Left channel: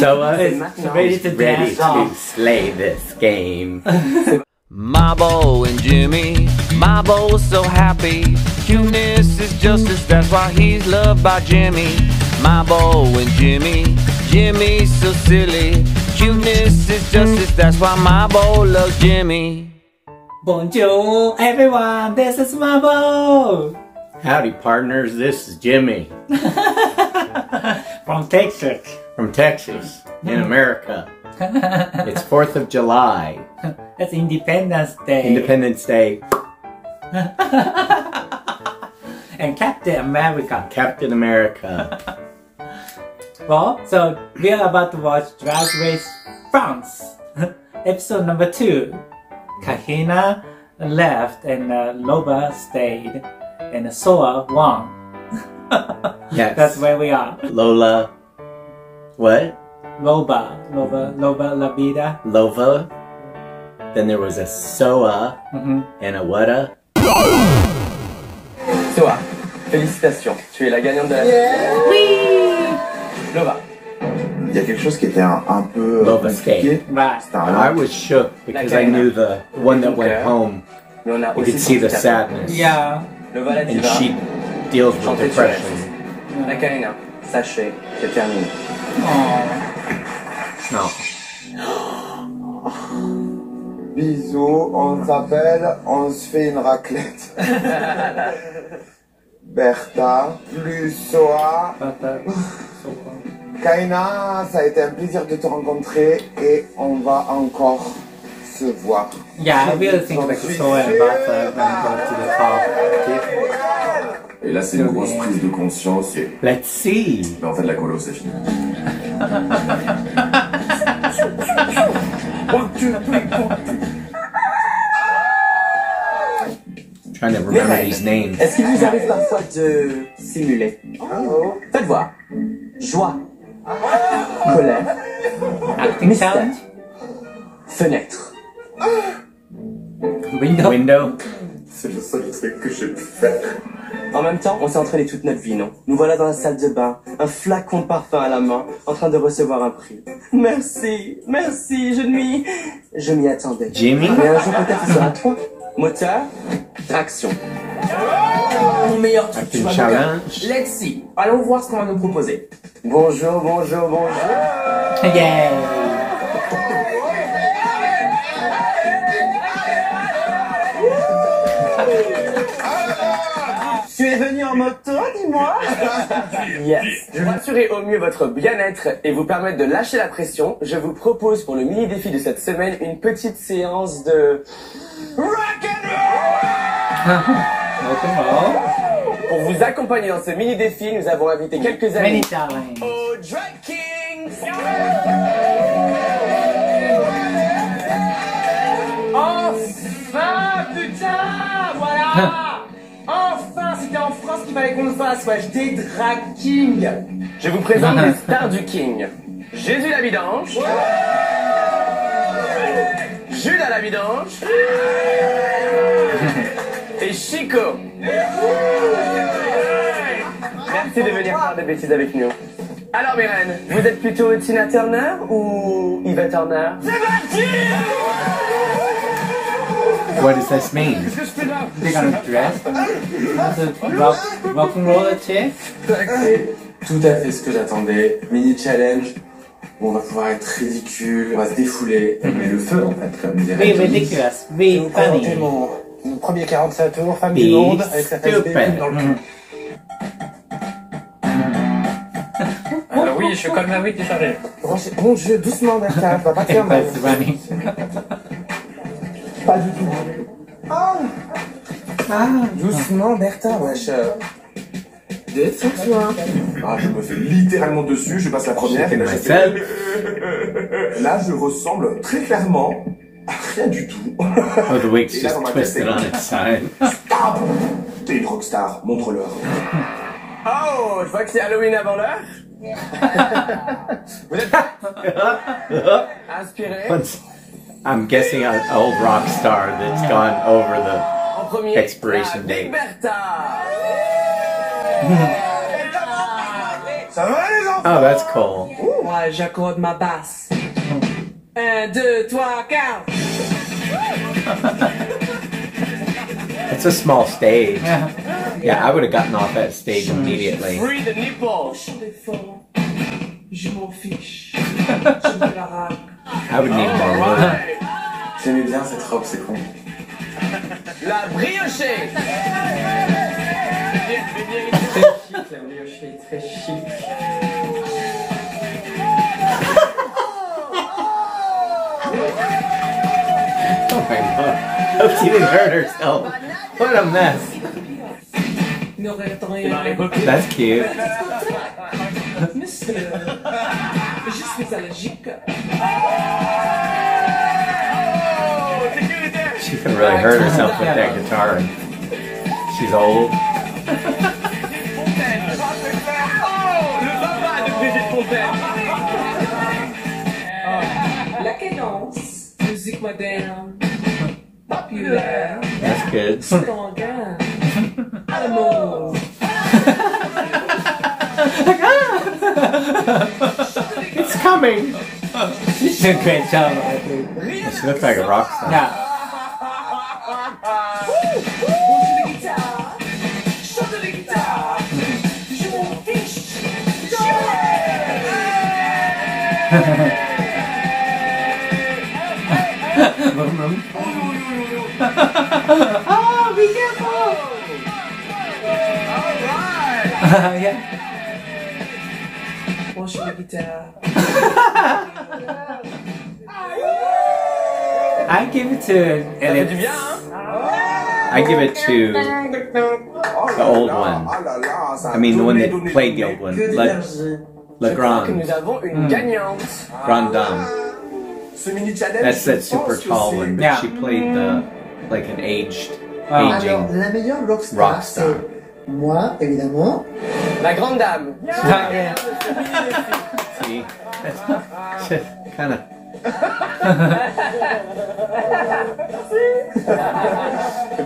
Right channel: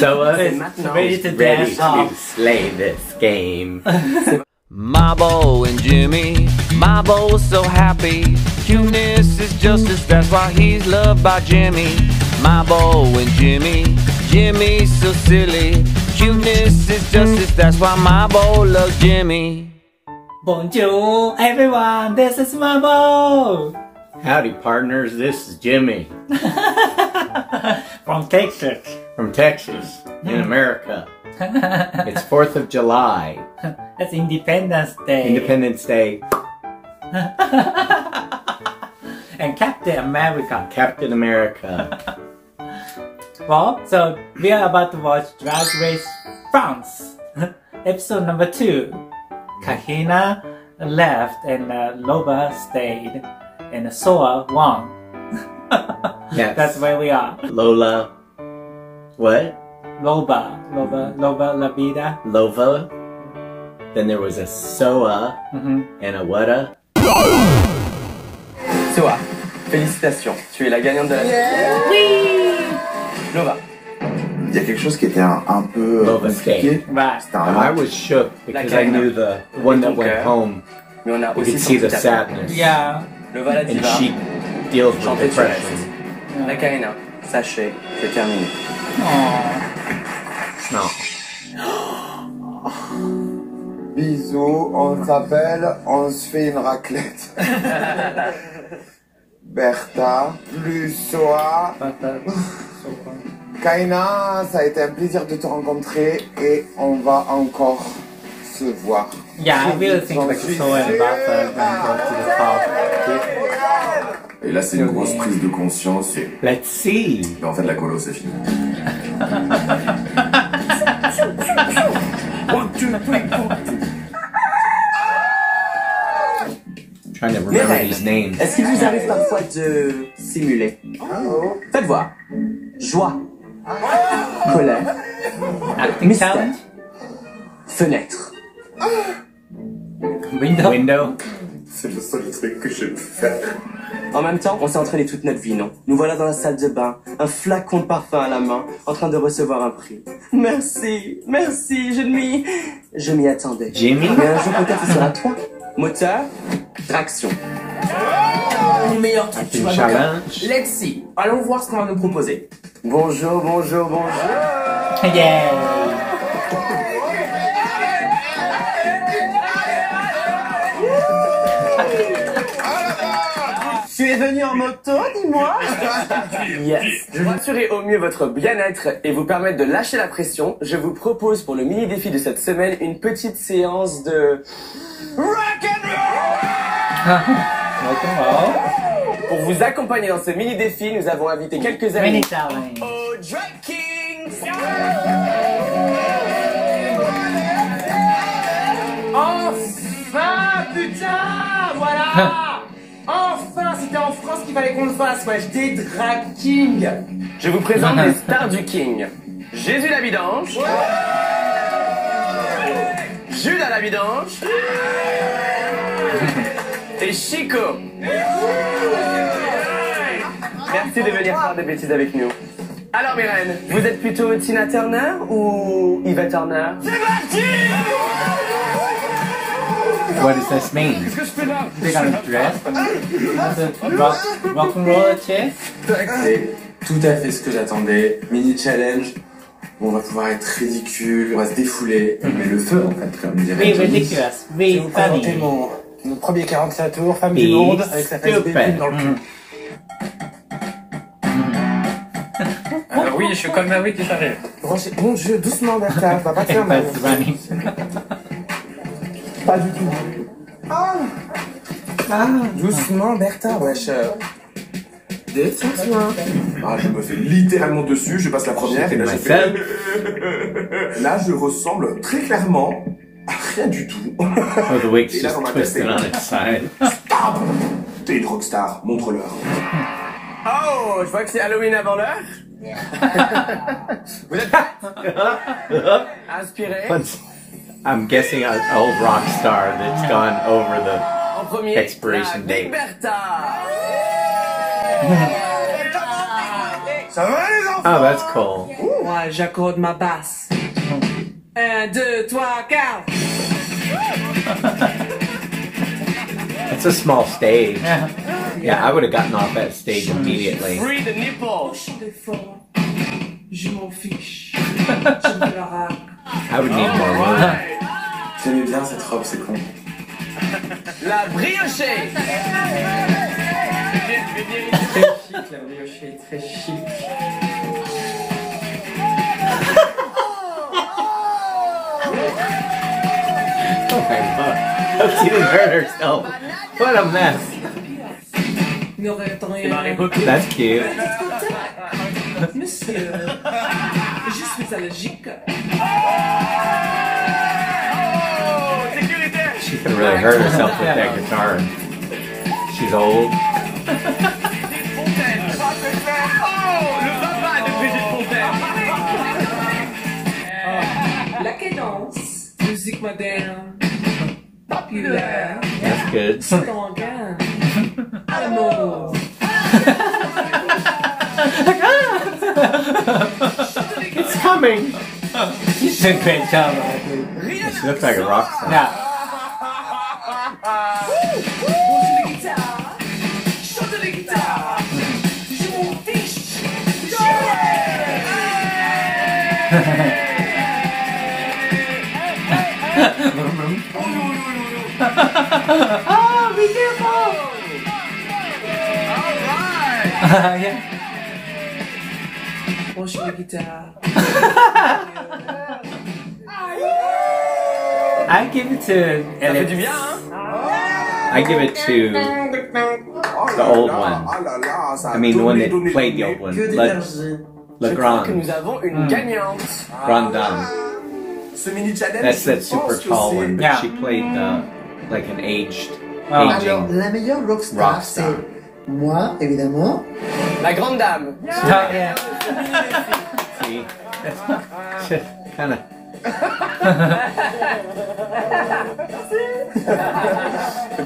So ready to ready dance to off. slay this game. Mabo and Jimmy, Mabo's so happy. Cuteness is justice, that's why he's loved by Jimmy. Mabo and Jimmy, Jimmy's so silly. Cuteness is justice, that's why Mabo loves Jimmy. Bonjour, everyone. This is Mabo. Howdy, partners. This is Jimmy From Texas. from Texas in America. It's 4th of July, That's Independence Day. Independence Day. And Captain America. Captain America. Well, so we are about to watch Drag Race France. Episode number 2. Kahina left and Loba stayed. And Soa won. Yes. That's where we are. Lola. What? Loba la vida. Lova. Then there was a Soa and a Wada. Soa, félicitations, tu es la gagnante de la saison. Whee! Lova, Il y a quelque chose qui était un peu Lova compliqué. stayed. Right. C'était un I was shook because I knew the one that went home. mais on a You aussi could see the senti ta sadness. Yeah. Lova la And diva, she deals with chantait sur la depression. saison. La Karina, sachez, c'est terminé. Aww. No. Bisous, on s'appelle, on se fait une raclette. Bertha, plus Soa. Kaina, ça a été un plaisir de te rencontrer et on va encore se voir. Yeah, I really think like Soa and Bata gonna go to the top. Et là, c'est une grosse prise de conscience. Et Let's see. en fait, la colo, c'est fini. Trying to remember these names. Est-ce qu'il vous arrive parfois de simuler? Faites voir. Joie. Colère. Acting Mystère. challenge? Fenêtre. Window? Window. C'est le seul truc que je peux faire. En même temps, on s'est entraîné toute notre vie, non? Nous voilà dans la salle de bain, un flacon de parfum à la main, en train de recevoir un prix. Merci, merci, je m'y attendais. Jimmy? Mais un jour peut-être ce sera toi. Moteur, traction. Mon meilleur truc, tu Acting vois, challenge. let's see. Allons voir ce qu'on va nous proposer. Bonjour, bonjour, bonjour. Yeah. Tu es venu en moto, dis-moi? Yes. Je vais assurer au mieux votre bien-être et vous permettre de lâcher la pression. Je vous propose pour le mini-défi de cette semaine une petite séance de Rock'n'roll. Pour vous accompagner dans ce mini-défi, nous avons invité quelques amis Mini challenge. au Drag Kings. Enfin, putain, voilà. Enfin, c'était en France qu'il fallait qu'on le fasse, wesh, des Drag Kings. Je vous présente les stars du King. Jésus la vidange. Judas la vidange. Et Chico. Merci de venir faire des bêtises avec nous. Alors, mes reines, vous êtes plutôt Tina Turner ou Yvette Turner? What does this mean? They got a dress. Rock'n'roll chick. C'est tout à fait ce que j'attendais. Mini challenge. On va pouvoir être ridicule, on va se défouler. Mais le feu, en fait, comme dirait Be Johnny. ridiculous. Be funny. Mon premier 45 tours, femme Be du monde, avec sa face stupid. bébé dans le cul. Alors oui, je suis comme Maui qui s'arrête. Bon jeu, doucement Bertha, va pas te faire mal. That's funny. Pas du tout. Doucement Bertha, wesh. Détends-toi. Ah, je me fais littéralement dessus, je passe la première et là, je fais... Myself. Là, je ressemble très clairement à rien du tout. Oh, the wig's Et là, just dans ma tête, twisted c'est- on its side. Stop. T'es une rockstar, montre-leur. Oh, je vois que c'est Halloween avant l'heure. Vous êtes prêts? Inspirez. But I'm guessing an old rock star that's gone over the En premier, expiration la Big date. Bertha. Ça va les enfants? Oh, that's cool. Moi, j'accorde ma basse. 1, 2, 3, 4. It's a small stage. Yeah. Yeah, I would have gotten off that stage immediately. Free the nipple. Je m'en fiche. Je me la racle. I would need more room. J'aimais bien cette robe, c'est con. La briochée. Très chic, la briochée, très chic. Oh my god. Hope she didn't hurt herself. What a mess. That's cute. Monsieur, je suis allergique. She could really hurt herself with that guitar. And she's old. La cadence, musique moderne, populaire, That's good. sanguin, amour. It's coming. She did a great job, actually. She looks like a rock star. Yeah. Chante les guitares, je m'en fiche. Oh, be careful! Yeah. Branche la guitare. I give it to Ça fait du Elliot. bien, hein? I give it to the old one. I mean, the one that played the old one. La Je crois que Grande. nous avons une gagnante. Grande Dame. Ce mini challenge. That's that je super pense que tall c'est- one, but Yeah. she played the like an aged, Ah. aging. Alors, la meilleure rockstar, Rockstar. c'est moi, évidemment. La grande dame. Yeah. See, kind of.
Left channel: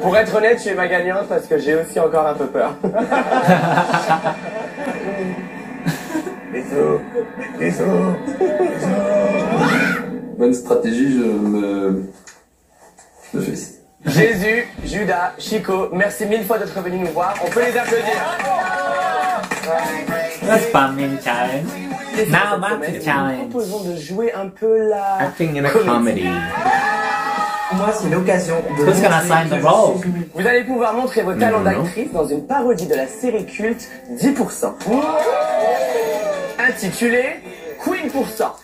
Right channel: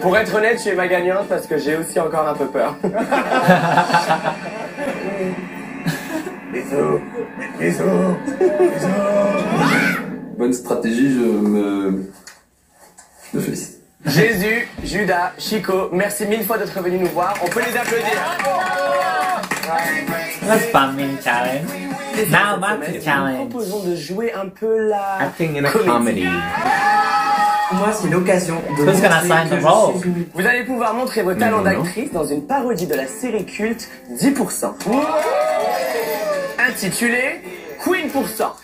Pour être honnête, tu es ma gagnante parce que j'ai aussi encore un peu peur. Bonne stratégie, je me félicite. Jésus, Judas, Chico, merci mille fois d'être venus nous voir. On peut les applaudir. That's fun mini challenge. Now back to the Nous challenge. proposons de jouer un peu la... Acting in a comedy. Moi, c'est l'occasion de. Who's gonna sign the role? Vous allez pouvoir montrer vos talents Non. d'actrice dans une parodie de la série culte 10%. Intitulée Queen%.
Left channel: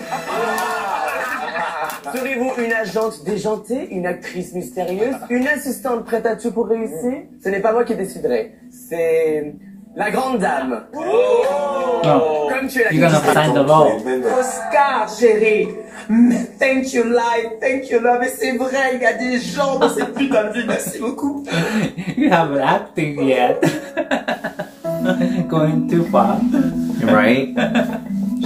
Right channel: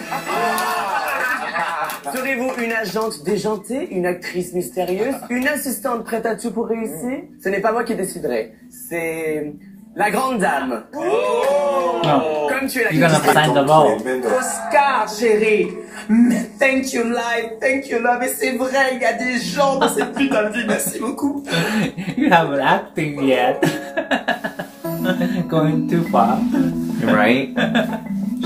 Serez-vous une agente déjantée, une actrice mystérieuse, une assistante prête à tout pour réussir? Ce n'est pas moi qui déciderai. C'est la grande dame. No. Comme tu es la You're gonna sign the role. Oscar, chérie. Mais thank you life, thank you love. Et c'est vrai, il y a des gens dans cette putain de vie. Merci beaucoup. You haven't acting yet. Going too far. Right?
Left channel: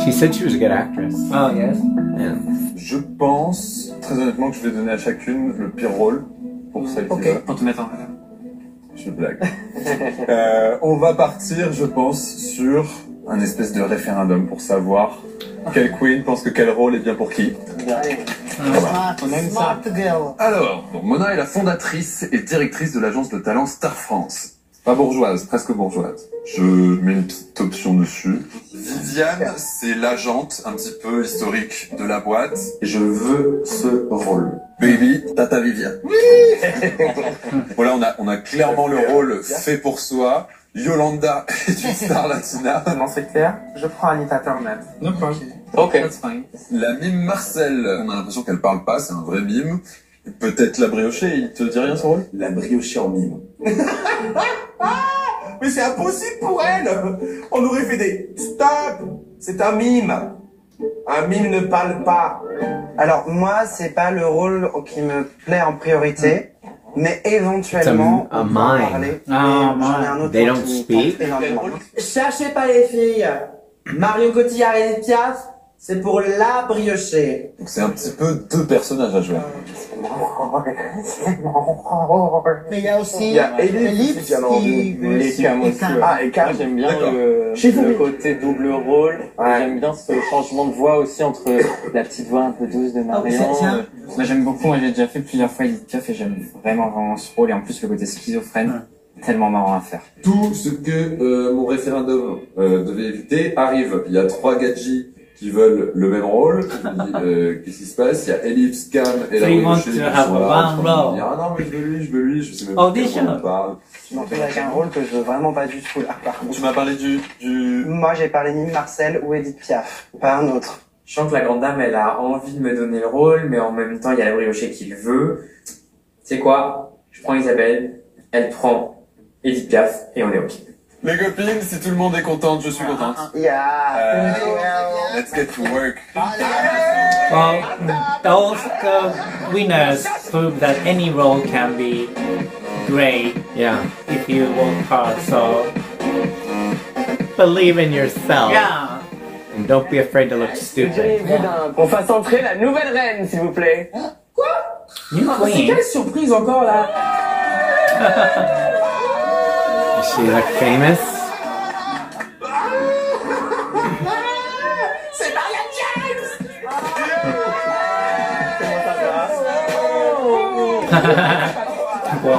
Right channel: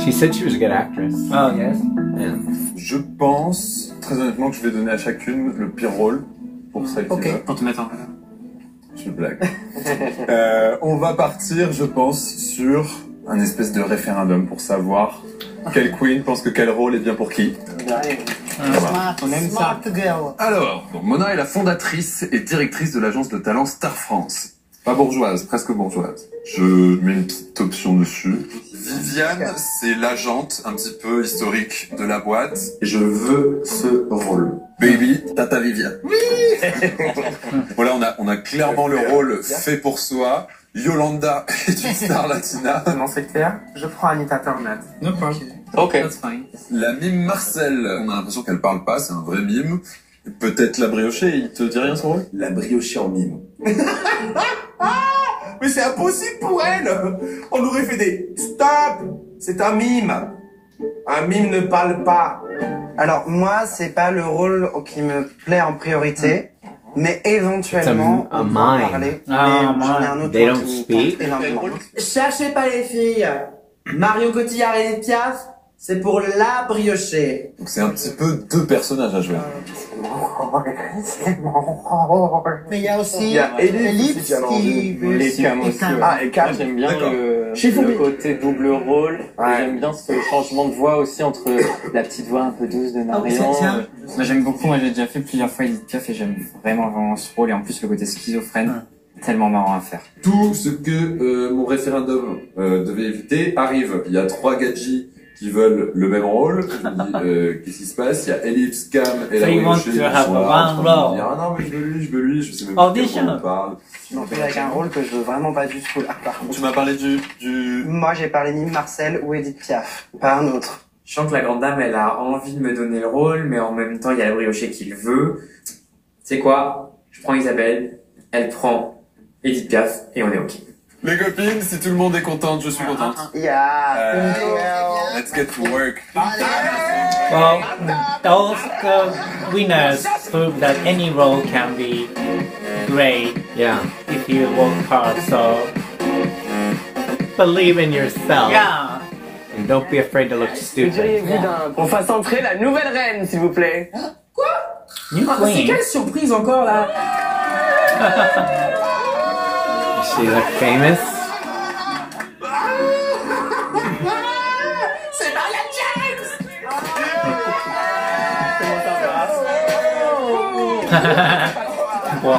She said she was a good actress. Oh, yes. And Je pense, très honnêtement, que je vais donner à chacune le pire rôle pour celle qui Ok. va. Pour te mettre en... Je blague. On va partir, je pense, sur un espèce de référendum pour savoir quelle queen pense que quel rôle est bien pour qui. Smart, smart girl. Alors, donc Mona est la fondatrice et directrice de l'agence de talent Star France. Pas bourgeoise, presque bourgeoise. Je mets une petite option dessus. Viviane, c'est l'agente un petit peu historique de la boîte. Et je veux ce rôle. Baby, Tata Viviane. Oui. Voilà, on a clairement le rôle fait pour soi. Yolanda est une star latina. Non, c'est clair. Je prends Anita Turner. No problem. Ok. That's fine. La mime Marcel, on a l'impression qu'elle parle pas, c'est un vrai mime. Et peut-être la briochée, il te dit rien son rôle? La briochée en mime. Mais c'est impossible pour elle. On aurait fait des stop. C'est un mime. Un mime ne parle pas. Alors moi, c'est pas le rôle qui me plaît en priorité, mais éventuellement It's a on peut mime. en parler. Ah, Mais j'en ai un autre They qui don't me speak? tente énormément. Cherchez pas les filles. Marion Cotillard et Edith Piaf, c'est pour la briocher. Donc c'est un petit peu deux personnages à jouer. Mais il y a aussi Il y a Ellipse Ellipse qui veut Les cams aussi. Cam. Ouais. Ah, et Cam. Moi, j'aime bien D'accord. le côté double rôle. Ouais. J'aime bien ce changement de voix aussi entre la petite voix un peu douce de Marion. Moi j'aime beaucoup, moi j'ai déjà fait plusieurs fois Edith Piaf et j'aime vraiment ce rôle et en plus le côté schizophrène, tellement marrant à faire. Tout ce que mon référendum devait éviter arrive. Il y a 3 gadgets qui veulent le même rôle. Qu'est-ce qui se passe? Il y a Ellipse, Cam et So la you want briochée to qui have sont là, one en train de role. dire, ah non mais je veux lui, je sais même Audition. pas de quel rôle on parle. Je m'en fais avec un rôle que je veux vraiment pas du tout là, par contre. Tu m'as parlé du... Moi, j'ai parlé ni Marcel ou Edith Piaf, pas un autre. Je sens que la grande dame, elle a envie de me donner le rôle, mais en même temps, il y a la briochée qui le veut. Tu sais quoi? Je prends Isabelle, elle prend Edith Piaf, et on est OK. Les copines, si tout le monde est contente, je suis contente. Yeah. Let's get to work. Well, those winners prove that any role can be great Yeah. if you work hard. So Believe in yourself. yeah. And don't be afraid to look Vous stupid. diriez-vous qu'on fasse entrer la nouvelle reine, s'il vous plaît? New C'est queen. quelle surprise encore là? She look famous. C'est Marianne James! Well,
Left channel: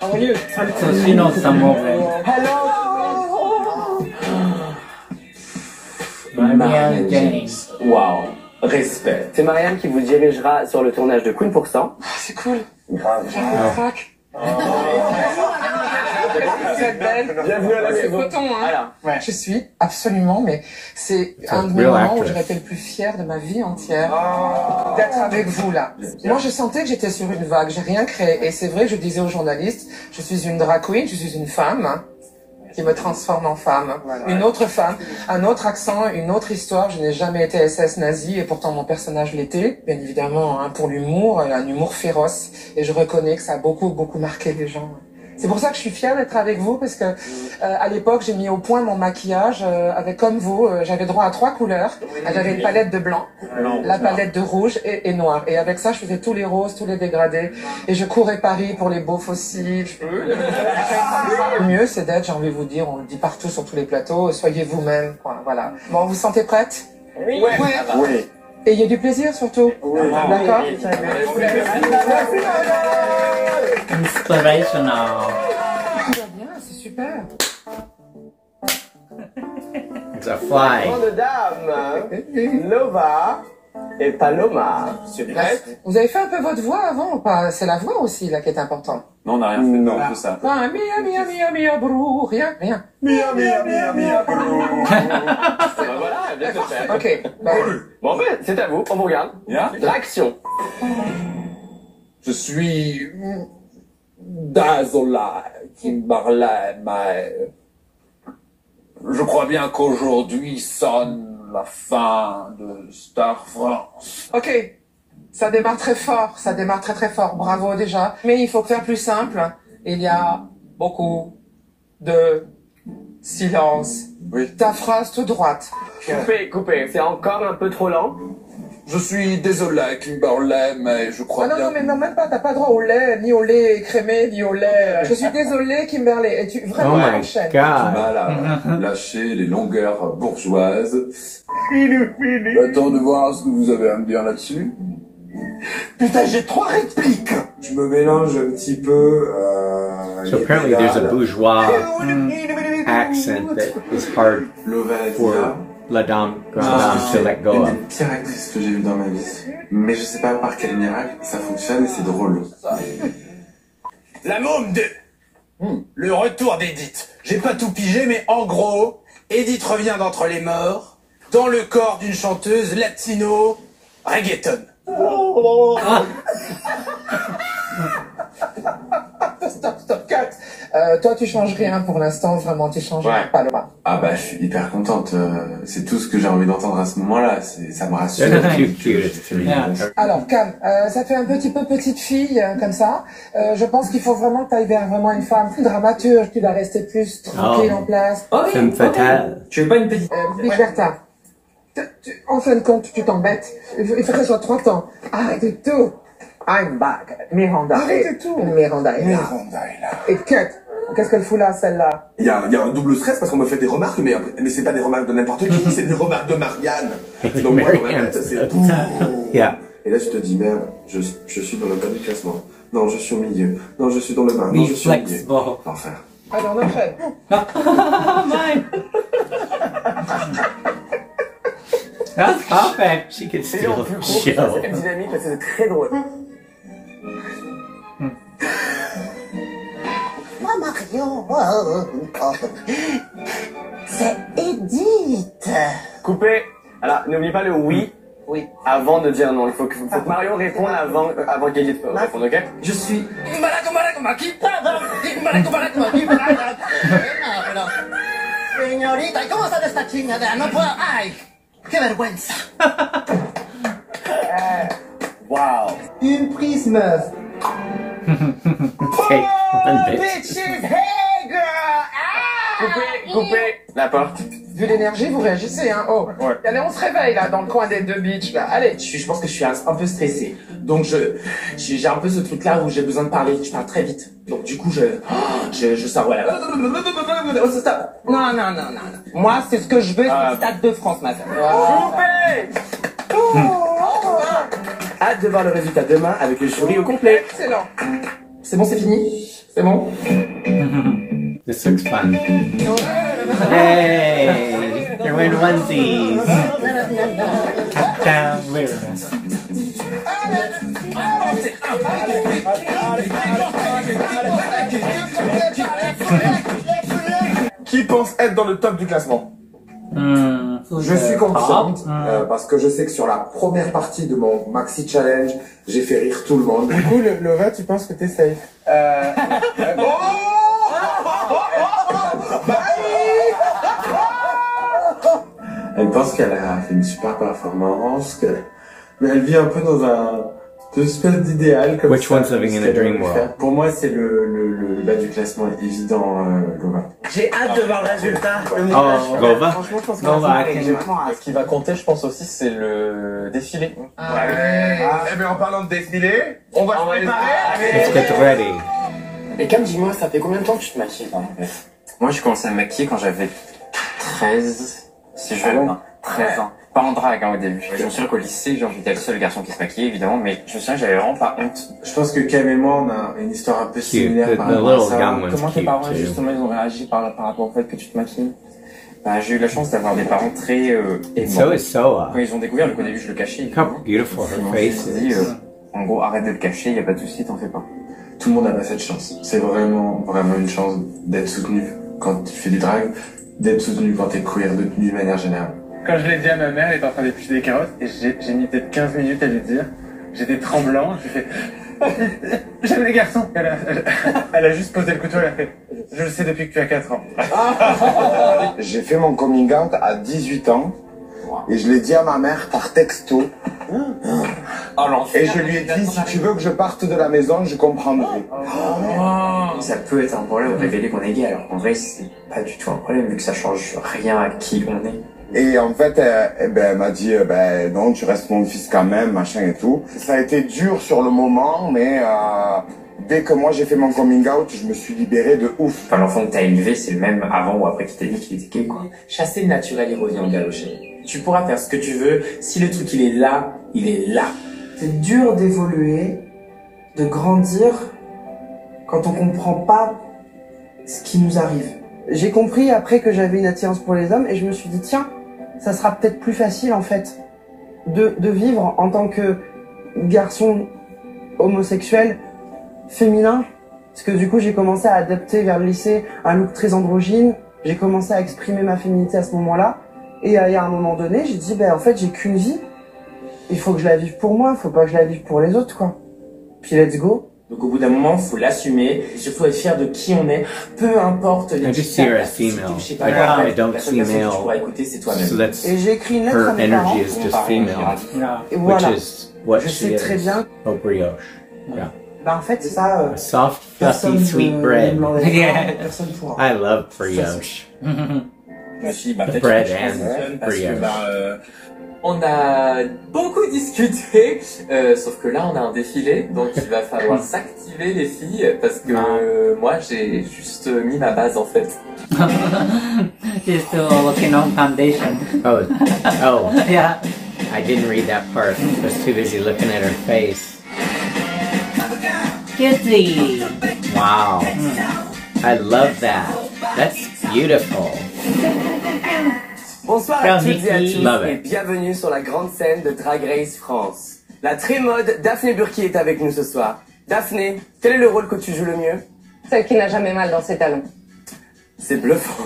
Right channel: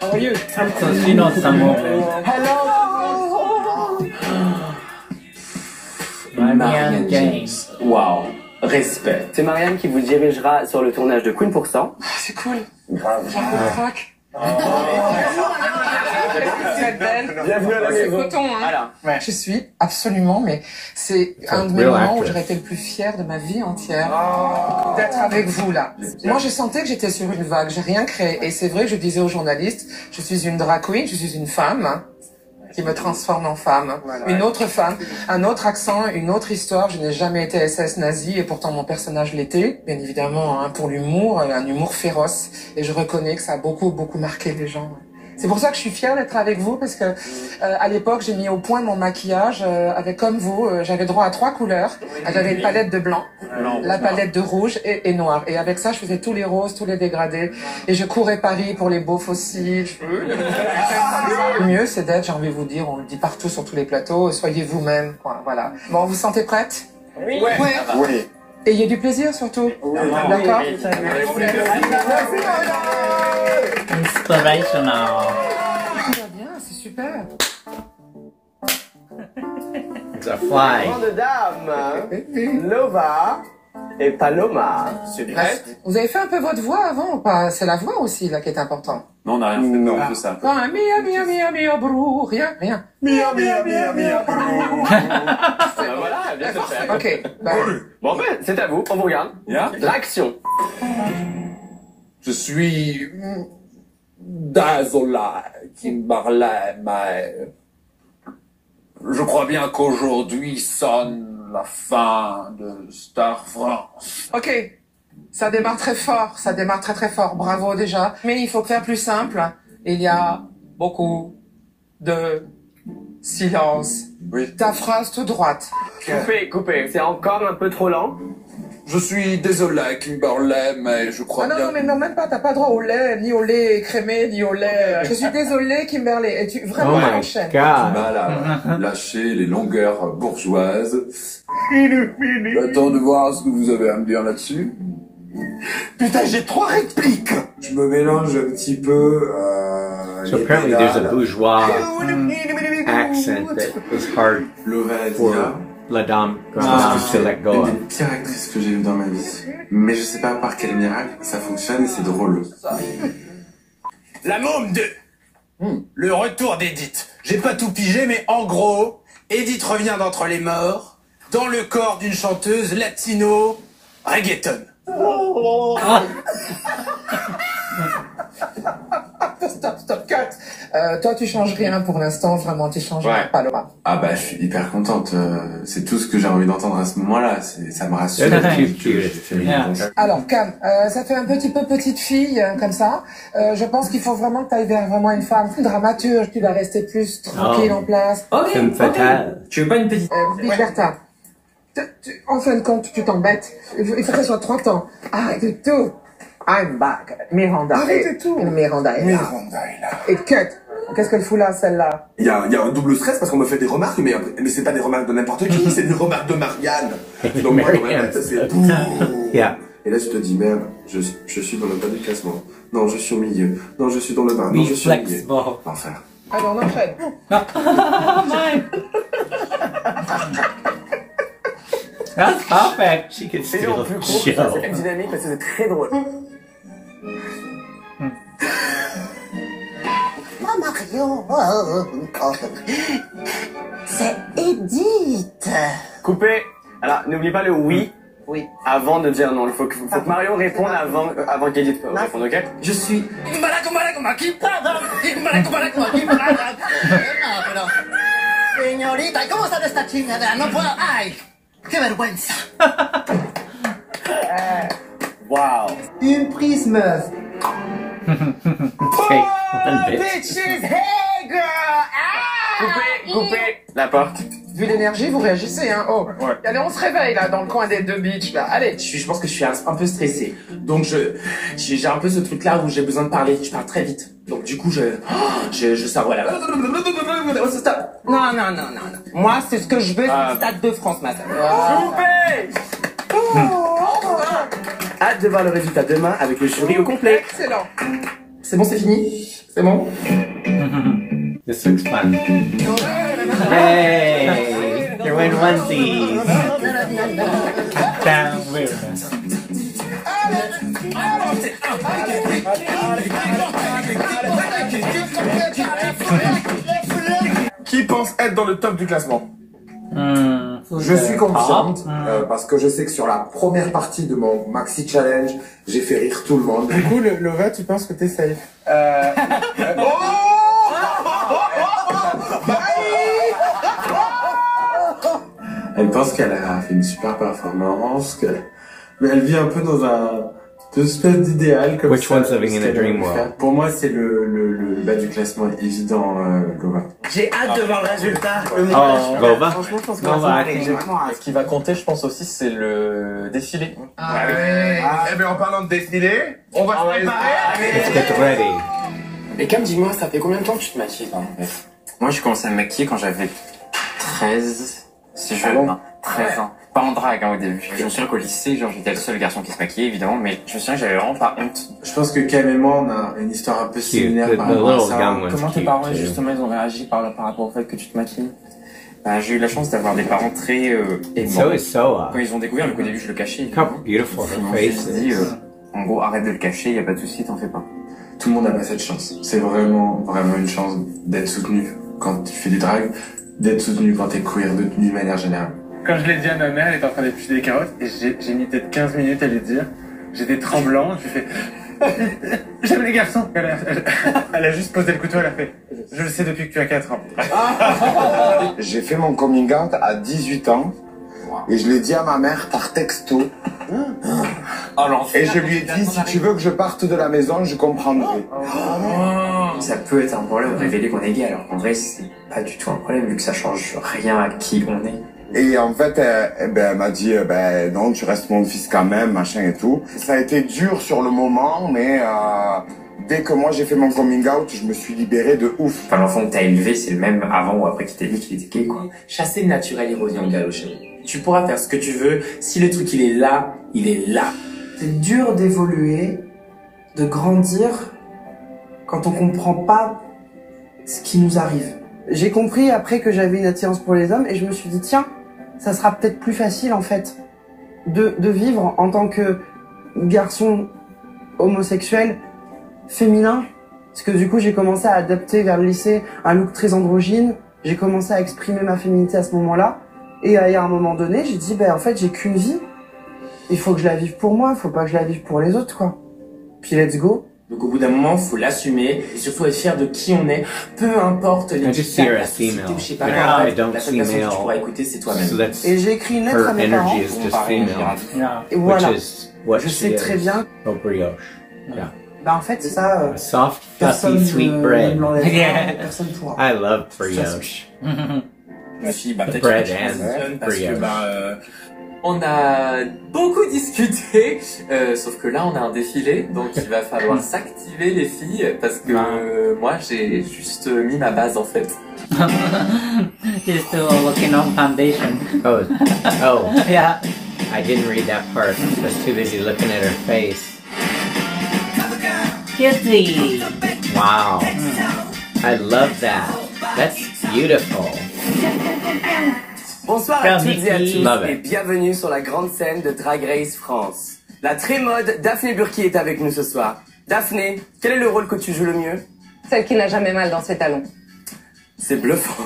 How are you? so she knows some of them. Marianne James. Waouh, respect. C'est Marianne qui vous dirigera sur le tournage de Queen pour cent. C'est cool. Grave. Bienvenue à la maison. coton, hein. Voilà. Ouais. Je suis absolument, mais c'est un des real moments actress. où j'aurais été le plus fière de ma vie entière d'être avec vous là. Moi, je sentais que j'étais sur une vague, j'ai rien créé. Et c'est vrai que je disais aux journalistes, je suis une drag queen, je suis une femme hein, qui me transforme en femme. Une autre femme, un autre accent, une autre histoire. Je n'ai jamais été SS nazi et pourtant mon personnage l'était, bien évidemment, hein, pour l'humour, un humour féroce. Et je reconnais que ça a beaucoup marqué les gens. C'est pour ça que je suis fière d'être avec vous parce que à l'époque j'ai mis au point mon maquillage avec comme vous j'avais droit à 3 couleurs. J'avais une palette de blanc, la palette de rouge et noir. Et avec ça je faisais tous les roses, tous les dégradés et je courais Paris pour les beaufs aussi. Le mieux c'est d'être, j'ai envie de vous dire, on le dit partout sur tous les plateaux, soyez vous-même. Voilà. Bon, vous vous sentez prête? Oui. Oui. Et il y a du plaisir surtout. D'accord. Inspirational. Tout va bien, c'est super. It's a fly. Grande dame, Lova et Paloma. C'est prête? Vous avez fait un peu votre voix avant ou pas? C'est la voix aussi là qui est important. Non, on n'a rien fait, non, que ça. Ah, mia, brou, rien. Mia, brou. Voilà, bien fait. Ok, bah, Bon ben, c'est à vous, on vous regarde. Yeah. L'action. Je suis désolé, Kimberley, mais je crois bien qu'aujourd'hui sonne la fin de Star France. ok. Ça démarre très fort, très fort. Bravo déjà. Mais il faut faire plus simple. Il y a beaucoup de silence. Oui. Ta phrase toute droite. Coupez. C'est encore un peu trop lent. Je suis désolé, Kimberley, mais je crois Ah non, bien... non, mais non, même pas, t'as pas droit au lait, ni au lait crémé, ni au lait. Je suis désolée, Kimberley. Et tu, vraiment, Oh my enchaîne. god. Voilà, lâchez les longueurs bourgeoises. J'attends de voir ce que vous avez à me dire là-dessus. Putain, j'ai 3 répliques. Je me mélange un petit peu. So apparently there's a bourgeois accent that is hard for la dame, grande dame to let go Une of. des pires actrices que j'ai eues dans ma vie. Mais je sais pas par quel miracle ça fonctionne et c'est drôle. La môme 2. Le retour d'Edith. J'ai pas tout pigé, mais en gros, Edith revient d'entre les morts, dans le corps d'une chanteuse latino reggaeton. Stop, cut. Toi, tu changes rien pour l'instant, vraiment, tu changes pas, Laura. Ah bah, je suis hyper contente. C'est tout ce que j'ai envie d'entendre à ce moment-là. Ça me rassure. Alors, Cam, ça fait un petit peu petite fille, comme ça. Je pense qu'il faut vraiment que tu ailles vers vraiment une femme dramaturge qui va rester plus tranquille en place. Femme fatale. Tu veux pas une petite... Big Bertha, en fin de compte, tu t'embêtes. Il faut que ça soit 30 ans. Arrête tout. I'm back. Miranda. Arrête tout. Miranda est là. Et cut. Qu'est-ce qu'elle fout là, celle-là? Il y a un double stress parce qu'on me fait des remarques, mais c'est pas des remarques de n'importe qui, c'est des remarques de Marianne. Donc moi, dans ma tête, c'est Yeah. Et là, je te dis, merde, je suis dans le bas du classement. Non, je suis au milieu. Non, je suis dans le bas. Non, je suis au milieu. L'enfer. Alors, on enchaîne. Mine. That's perfect. She could C'est steal le the plus gros, show. c'est dynamique parce que c'est très drôle. Moi, Marion, c'est Edith. Coupé. Alors, n'oublie pas le oui. Oui. Avant de dire non. Il faut que Marion réponde avant qu'Edith réponde, ok? Je suis... Señorita, ¿cómo está esta chingada? No puedo... ¡Ay! ¡Qué vergüenza! Wow. Une prise meuf. Okay, one bit. Bitches, hey girl! Coupé. La porte. Vu l'énergie, vous réagissez, hein. Oh. Ouais. Allez, on se réveille, là, dans le coin des deux beaches, là. Allez. Je pense que je suis un peu stressé. Donc j'ai un peu ce truc là où j'ai besoin de parler. Je parle très vite. Donc du coup je sors voilà. Stop. Non. Moi c'est ce que je veux, c'est le Stade de France ma femme. Coupé. Hâte de voir le résultat demain avec le jury au complet. Excellent. C'est bon, c'est fini? C'est bon? This looks fun. Yay! You're wearing onesies. Down weirdness. Qui pense être dans le top du classement? Je suis confiante parce que je sais que sur la première partie de mon maxi challenge, j'ai fait rire tout le monde. Du coup, Laura, tu penses que t'es safe? Elle pense qu'elle a fait une super performance, mais elle vit un peu dans un espèce d'idéal comme Which ça. one's living in a dream world? Pour moi, c'est le bas du classement évident, Laura. J'ai hâte de voir le résultat. Oh, Gova? Franchement, je pense que Gova, Ce qui va compter, je pense aussi, c'est le défilé. Eh bien, en parlant de défilé, on va se préparer. Let's get ready. Et Cam, dis-moi, ça fait combien de temps que tu te maquilles? Moi, j'ai commencé à me maquiller quand j'avais 13, c'est jeune, hein, 13 ans. Pas en drague, hein, au début. Je me souviens qu'au lycée, genre, j'étais le seul garçon qui se maquillait, évidemment, mais je me souviens que j'avais vraiment pas honte. Je pense que Cam et moi, on a une histoire un peu similaire The par rapport à little ça. young one's Comment tes cute parents, too. justement, ils ont réagi par rapport au fait que tu te maquilles? Bah, j'ai eu la chance d'avoir des parents très aimants. So is Soa. Quand ils ont découvert, donc au début, je le cachais. Look how beautiful her face Dit, is. en gros, arrête de le cacher, y a pas de souci, t'en fais pas. Tout le monde n'a pas cette chance. C'est vraiment une chance d'être soutenu quand tu fais du drag, d'être soutenu quand t'es queer, d'une manière générale. Quand je l'ai dit à ma mère, elle était en train d'éplucher des carottes, et j'ai mis peut-être 15 minutes à lui dire. J'étais tremblant, je lui ai fait... J'aime les garçons. Elle a juste posé le couteau, elle a fait... Je le sais depuis que tu as 4 ans. J'ai fait mon coming out à 18 ans et je l'ai dit à ma mère par texto. Et je lui ai dit, si tu veux que je parte de la maison, je comprendrai. Ça peut être un problème de révéler qu'on est gay, alors qu'en vrai, c'est pas du tout un problème, vu que ça change rien à qui on est. Et en fait, elle m'a dit, non, tu restes mon fils quand même, machin et tout. Ça a été dur sur le moment, mais dès que moi j'ai fait mon coming out, je me suis libéré de ouf. Enfin, l'enfant que t'as élevé, c'est le même avant ou après qu'il t'ait dit qu'il était gay, quoi. Chasser le naturel, il revient au galop, chérie. Tu pourras faire ce que tu veux. Si le truc il est là, il est là. C'est dur d'évoluer, de grandir, quand on comprend pas ce qui nous arrive. J'ai compris après que j'avais une attirance pour les hommes et je me suis dit, tiens, ça sera peut-être plus facile en fait de vivre en tant que garçon homosexuel féminin. Parce que du coup, j'ai commencé à adapter vers le lycée un look très androgyne. J'ai commencé à exprimer ma féminité à ce moment-là. Et à un moment donné, j'ai dit, en fait, j'ai qu'une vie. Il faut que je la vive pour moi, faut pas que je la vive pour les autres, quoi. Puis let's go. Donc au bout d'un moment, faut l'assumer et surtout être fier de qui on est, peu importe les I just see her as female. je sais pas, Like, I don't la see seule personne que tu male. pourras écouter, c'est toi-même. So that's Et j'ai écrit une lettre à her mes parents. energy is just female, Et which voilà. is what Je she sais très is. bien. Oh, brioche. Yeah. Bah en fait, ça. A soft, personne fluffy, sweet ne bread. m'enlèvera, Yeah. Personne pourra. I love brioche. Ma fille, The peut-être bread que je and fonctionne parce que, brioche. On a beaucoup discuté, sauf que là on a un défilé, donc il va falloir s'activer les filles, parce que moi j'ai juste mis ma base en fait. She's still working on foundation. Oh, Yeah. I didn't read that part. I was too busy looking at her face. Guilty. Wow. I love that. That's beautiful. Bonsoir à toutes et à tous Love et it. bienvenue sur la grande scène de Drag Race France. La très mode Daphné Burki est avec nous ce soir. Daphné, quel est le rôle que tu joues le mieux? Celle qui n'a jamais mal dans ses talons. C'est bluffant.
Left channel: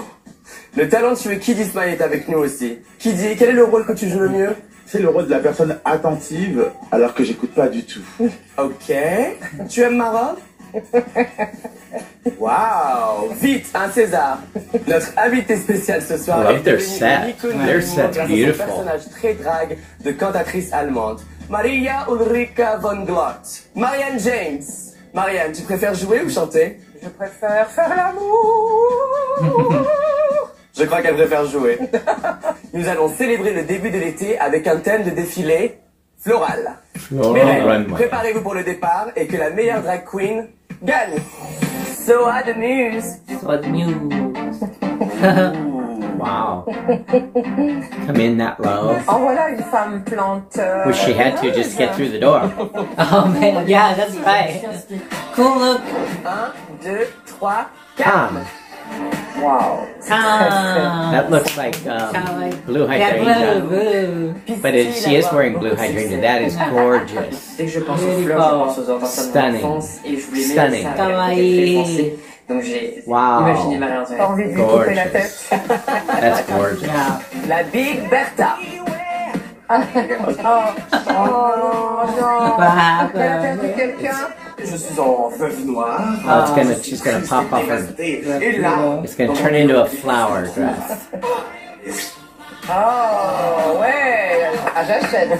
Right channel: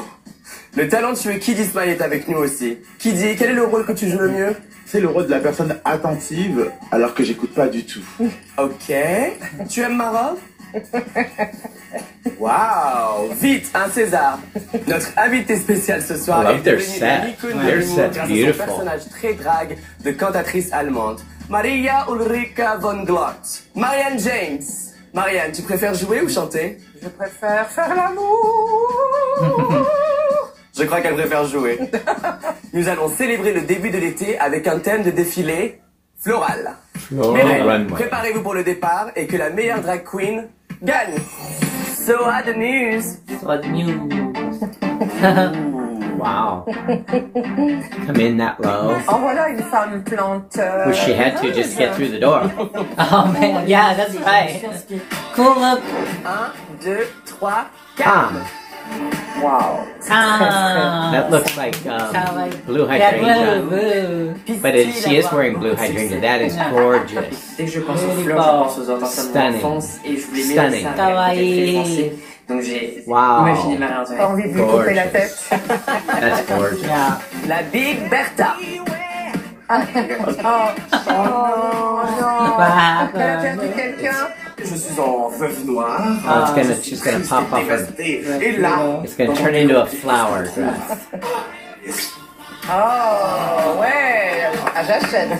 Le talentueux Kiddy Smile est avec nous aussi. Kiddy, quel est le rôle que tu joues le mieux? C'est le rôle de la personne attentive alors que j'écoute pas du tout. Ok. Tu aimes ma robe? Waouh! Vite, un César! Notre invité spécial ce soir I love est their devenue set. une icône Their de l'humour set's grâce à son beautiful. personnage très drague de cantatrice allemande, Maria Ulrika von Glott. Marianne James. Marianne, tu préfères jouer ou chanter? Je préfère faire l'amour. Je crois qu'elle préfère jouer. Nous allons célébrer le début de l'été avec un thème de défilé floral. Floral runway. Préparez-vous pour le départ et que la meilleure drag queen gagne. So hot news. What news? Wow. Come in that low. En voilà une femme plante. Wish she had to just get through the door. Oh man, yeah, that's right. Cool look. 1, 2, 3, 4. Tom. Wow. Ah. That looks like blue hydrangea. But she is wearing blue hydrangea. That is gorgeous. Dès que je pense aux fleurs, je pense aux enfants de Stunning. l'enfance et je les mets Stunning. au sein avec les français. Donc j'ai Wow. imaginé Marie-Antoinette. Pas envie de lui couper la Gorgeous. tête. That's gorgeous. Yeah. La Big Bertha. Oh non. What happened? Quelqu'un, quelqu'un. Je suis en veuve noire. Oh, she's gonna pop off her. Et là, It's gonna turn into a flower dress. Oh ouais. Ah, j'achète.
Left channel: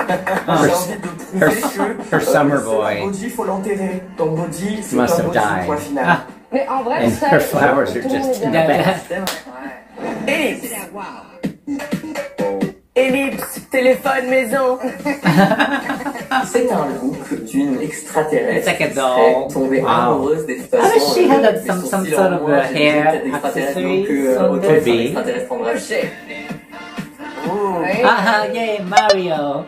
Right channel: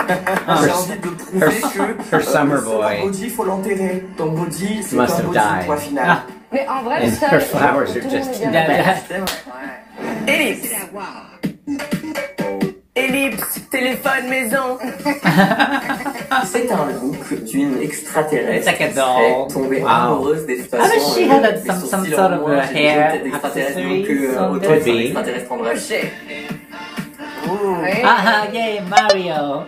Her summer boy body, faut l'enterrer. Ton body, c'est must ton have body, died. point final. Mais en vrai, And ça. her flowers are just in the back. Ellipse. Ellipse, téléphone, maison. C'est un look d'une extraterrestre It's like a qui doll. serait tombée Wow. amoureuse des I façons. wish she had some sort of a hair accessory. Could be. Ah, yay, Mario.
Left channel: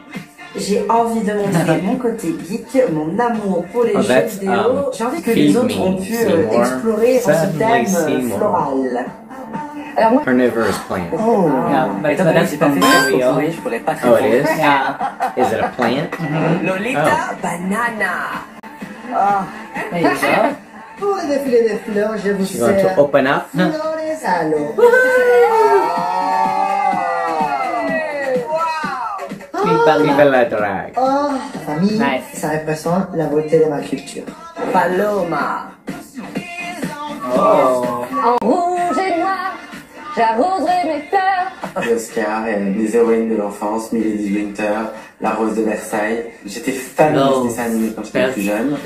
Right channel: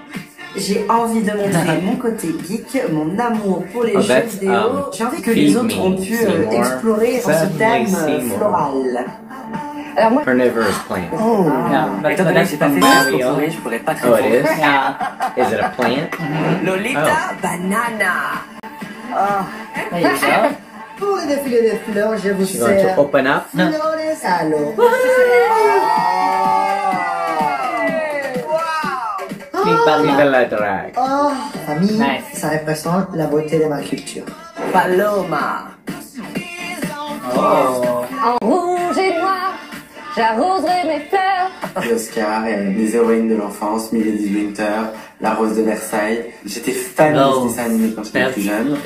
J'ai envie de montrer mon côté geek, mon amour pour les Oh, jeux that's, vidéo. J'ai envie que feed les autres me, ont pu Seymour. explorer en ce Certainly thème Seymour. floral. Alors moi, Carnivorous plant. Yeah, but Étant donné que that's j'ai pas from fait Mario. ça, je pourrais pas te Oh, it répondre. is? Yeah. Is it a plant? Lolita Oh. Banana. There you go. Pour le défilé des fleurs, je vous She's going sers to open up. flores à l'eau. Viva la drag. Oh, famille, Nice. ça représente la beauté de ma culture. Paloma. Oh. en rouge et noir, j'arroserai mes fleurs. Oscar, les héroïnes de l'enfance, Milady Winter, La Rose de Versailles. J'étais fan de dessins animés quand j'étais plus jeune.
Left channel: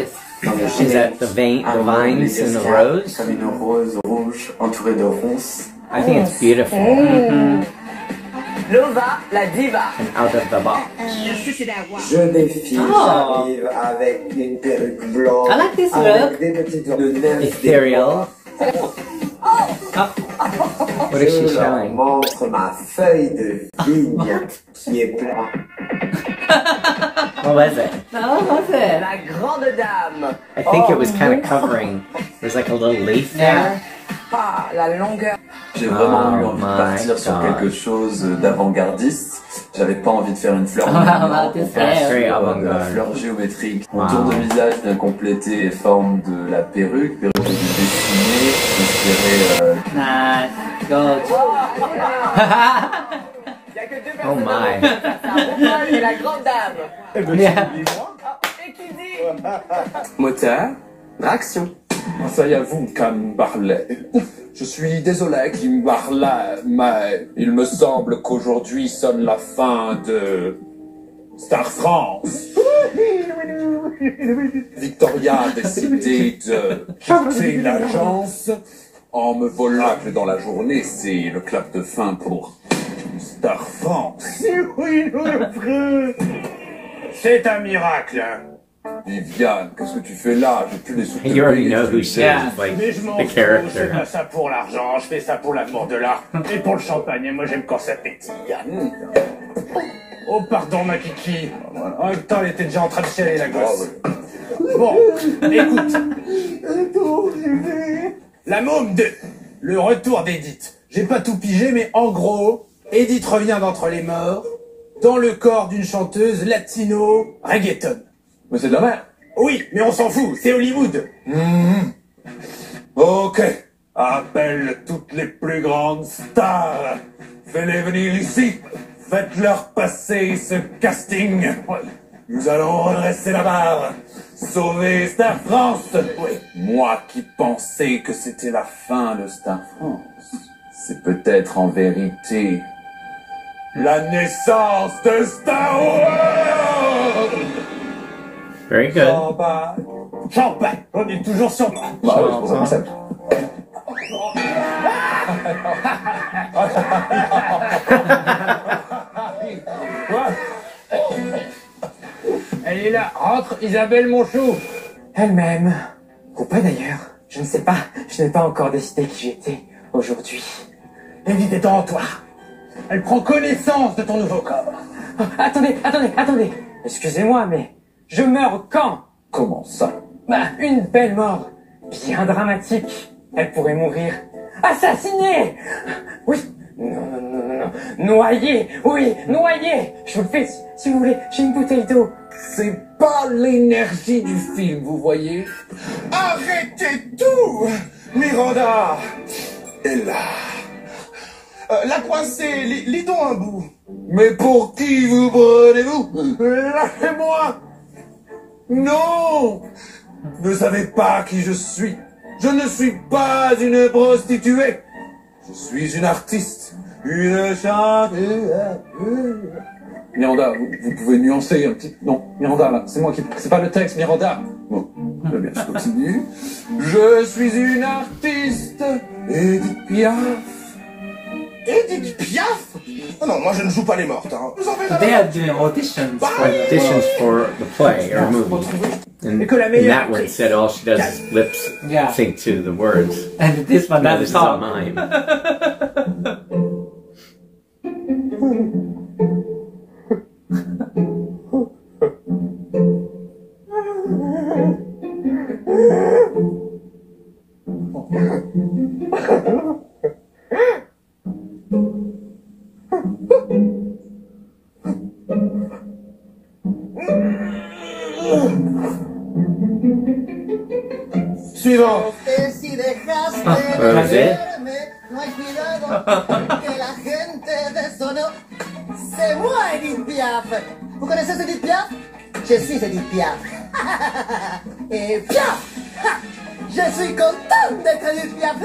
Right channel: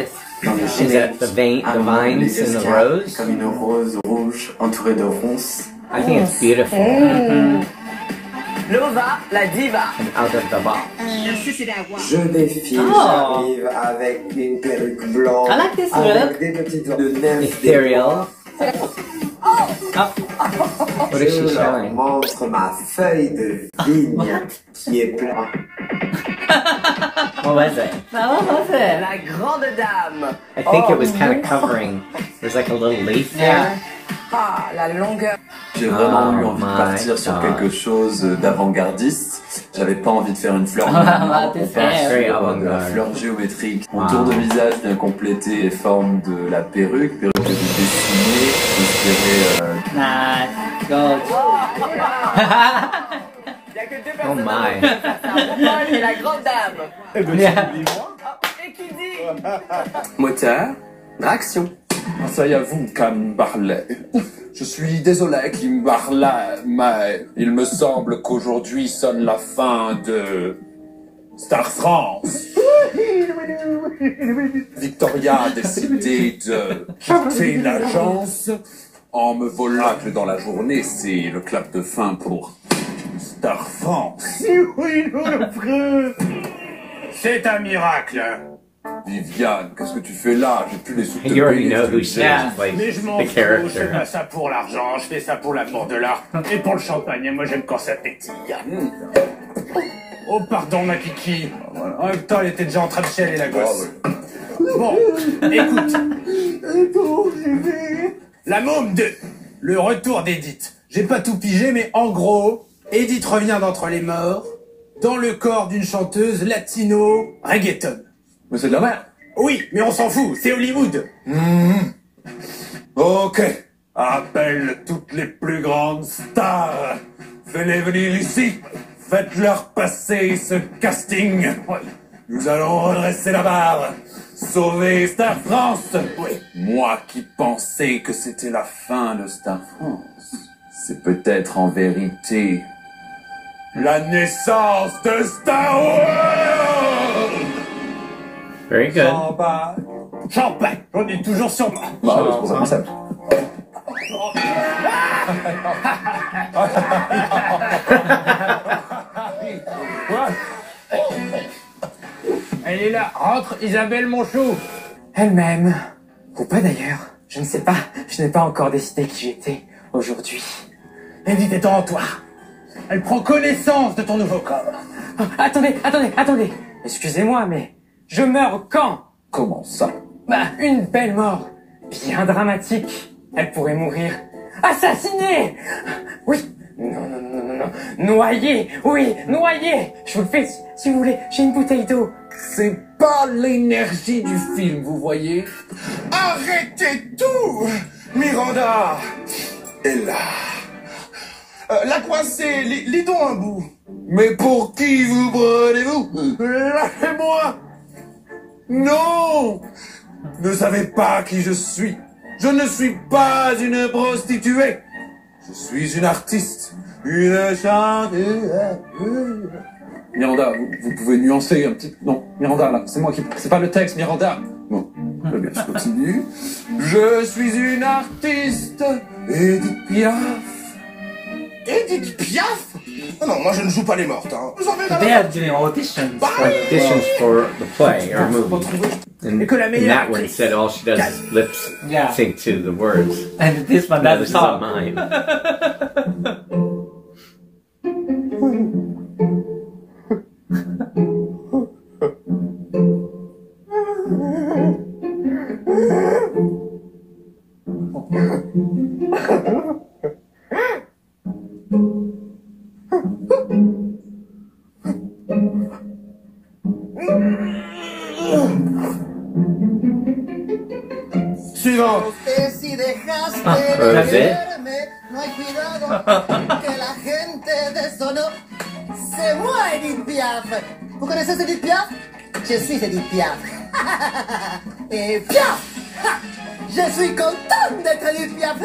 Dans le Is générique, that the vines les in the Oscars, rose? comme une rose rouge entourée de ronces. I think it's beautiful. Lova, la diva. And out of the box. Je défile, Oh. j'arrive avec une perruque blanche, I like this avec look. des petites oreilles de neige. Ethereal. What is she Je leur showing? montre ma feuille de vigne qui est plate. What was it? What was it? La grande dame. I think it was kind of covering. There's like a little leaf there. Ah, la longueur. J'ai vraiment eu Oh envie de my partir sur God. quelque chose d'avant-gardiste. J'avais pas envie de faire une fleur. That's very La avant-garde. fleur géométrique. Mon Wow. tour de visage vient compléter les formes de la perruque. Perruque que j'ai dessinée, inspirée, Nice. Good. Il y a que deux Oh personnes. my. Et la grande dame. Yeah. Et qui dit moteur, Action. Ça y est, vous, Kim Barley. Je suis désolé, Kim Barley, mais il me semble qu'aujourd'hui sonne la fin de Star France. Victoria a décidé de quitter l'agence en me volant dans la journée. C'est le clap de fin pour Star France. C'est un miracle. Viviane, qu'est-ce que tu fais là? J'ai plus les sous. You already know who says like Mais je m'en the fous, je fais character. pas ça pour l'argent, je fais ça pour l'amour de l'art et pour le champagne, et moi j'aime quand ça pétille. Oh pardon ma kiki. En même temps elle était déjà en train de chialer la gosse. Bon, écoute. La môme 2, le retour d'Edith. J'ai pas tout pigé mais en gros, Edith revient d'entre les morts dans le corps d'une chanteuse latino reggaeton. Mais c'est de la merde. Oui, mais on s'en fout, c'est Hollywood. Ok. Appelle toutes les plus grandes stars. Fais-les venir ici. Faites-leur passer ce casting. Nous allons redresser la barre. Sauver Star France. Moi qui pensais que c'était la fin de Star France. C'est peut-être en vérité la naissance de Star Wars. Very good. Champagne, j'en ai toujours sur moi. Elle est là, rentre Isabelle Monchou. Elle m'aime. Ou pas d'ailleurs. Je ne sais pas. Je n'ai pas encore décidé qui j'étais aujourd'hui. Edith est en toi. Elle prend connaissance de ton nouveau corps. Oh, attendez. Excusez-moi, mais je meurs quand? Comment ça? Bah, une belle mort. Bien dramatique. Elle pourrait mourir assassinée. Oui. Non. Noyée. Oui, noyée. Je vous le fais si vous voulez. J'ai une bouteille d'eau. C'est pas l'énergie du film, vous voyez? Arrêtez tout! Miranda est là. La coincée, les dons un bout. Mais pour qui vous prenez-vous? Lâchez-moi! Non! Ne savez pas qui je suis. Je ne suis pas une prostituée. Je suis une artiste. Une chanteuse. Miranda, vous pouvez nuancer un petit... Non, Miranda, là, c'est moi qui... C'est pas le texte, Miranda. Bon, très bien, je continue. Je suis une artiste. Edith Piaf. Edith Piaf? Oh non, moi je ne joue pas les mortes. Hein. They are doing auditions for the play or movie. And that one said all she does is lip sync to the words. And this one No, doesn't this is a talk. mime. Suivant. Si dejaste That's de it? verme, no hay cuidado que la gente de eso no se muere, Edith Piaf. ¿Vous connaissez Edith Piaf? Je suis Edith Piaf. Et Piaf! Je suis contente d'être Edith Piaf.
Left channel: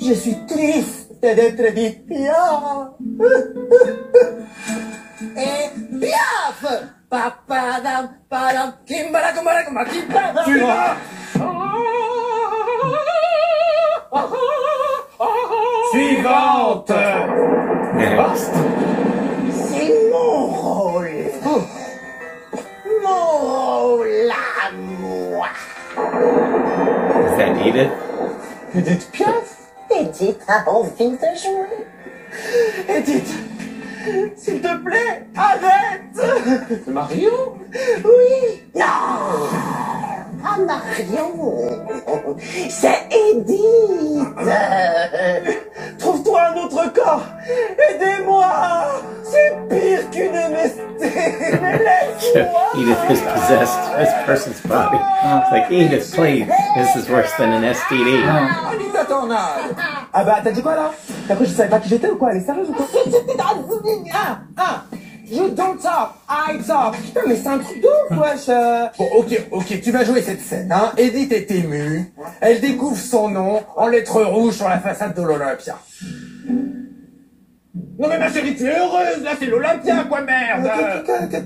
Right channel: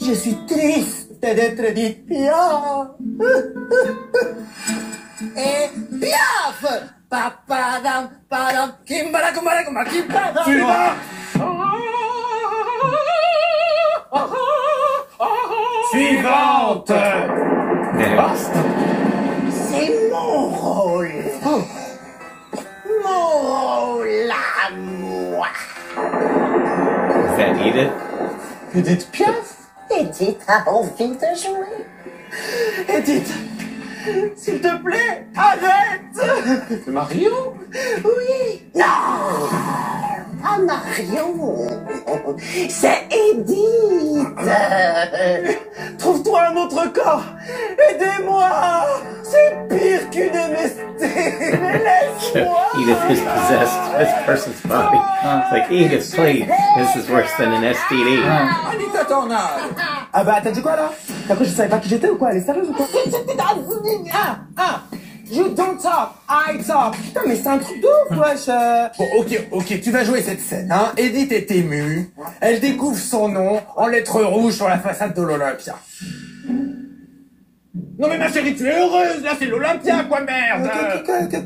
Je suis triste d'être Edith Piaf. Et Piaf! Papadam, padam, kimbara, kumbara, kumbara, kimbara. Suivante. Next. C'est mon rôle. Mon rôle à moi. Is that Edith? Edith Piaf? Edith a envie de jouer. Edith, s'il te plaît, arrête. C'est Marion? Oui. Non. Pas Marion. C'est Edith. Trouve-toi un autre corps. Aidez-moi. C'est pire qu'une MST. Laisse-moi. Edith has possessed this person's body. It's like, Edith, please. This is worse than an STD. Anita Tornade. Ah bah t'as dit quoi là? Après je savais pas qui j'étais ou quoi? Elle est sérieuse ou quoi? You don't talk, I talk. Putain, mais c'est un truc de ouf, wesh. Bon, ok, tu vas jouer cette scène, hein. Edith est émue. Elle découvre son nom en lettres rouges sur la façade de l'Olympia. Non mais ma chérie, tu es heureuse, là c'est l'Olympia, quoi, merde.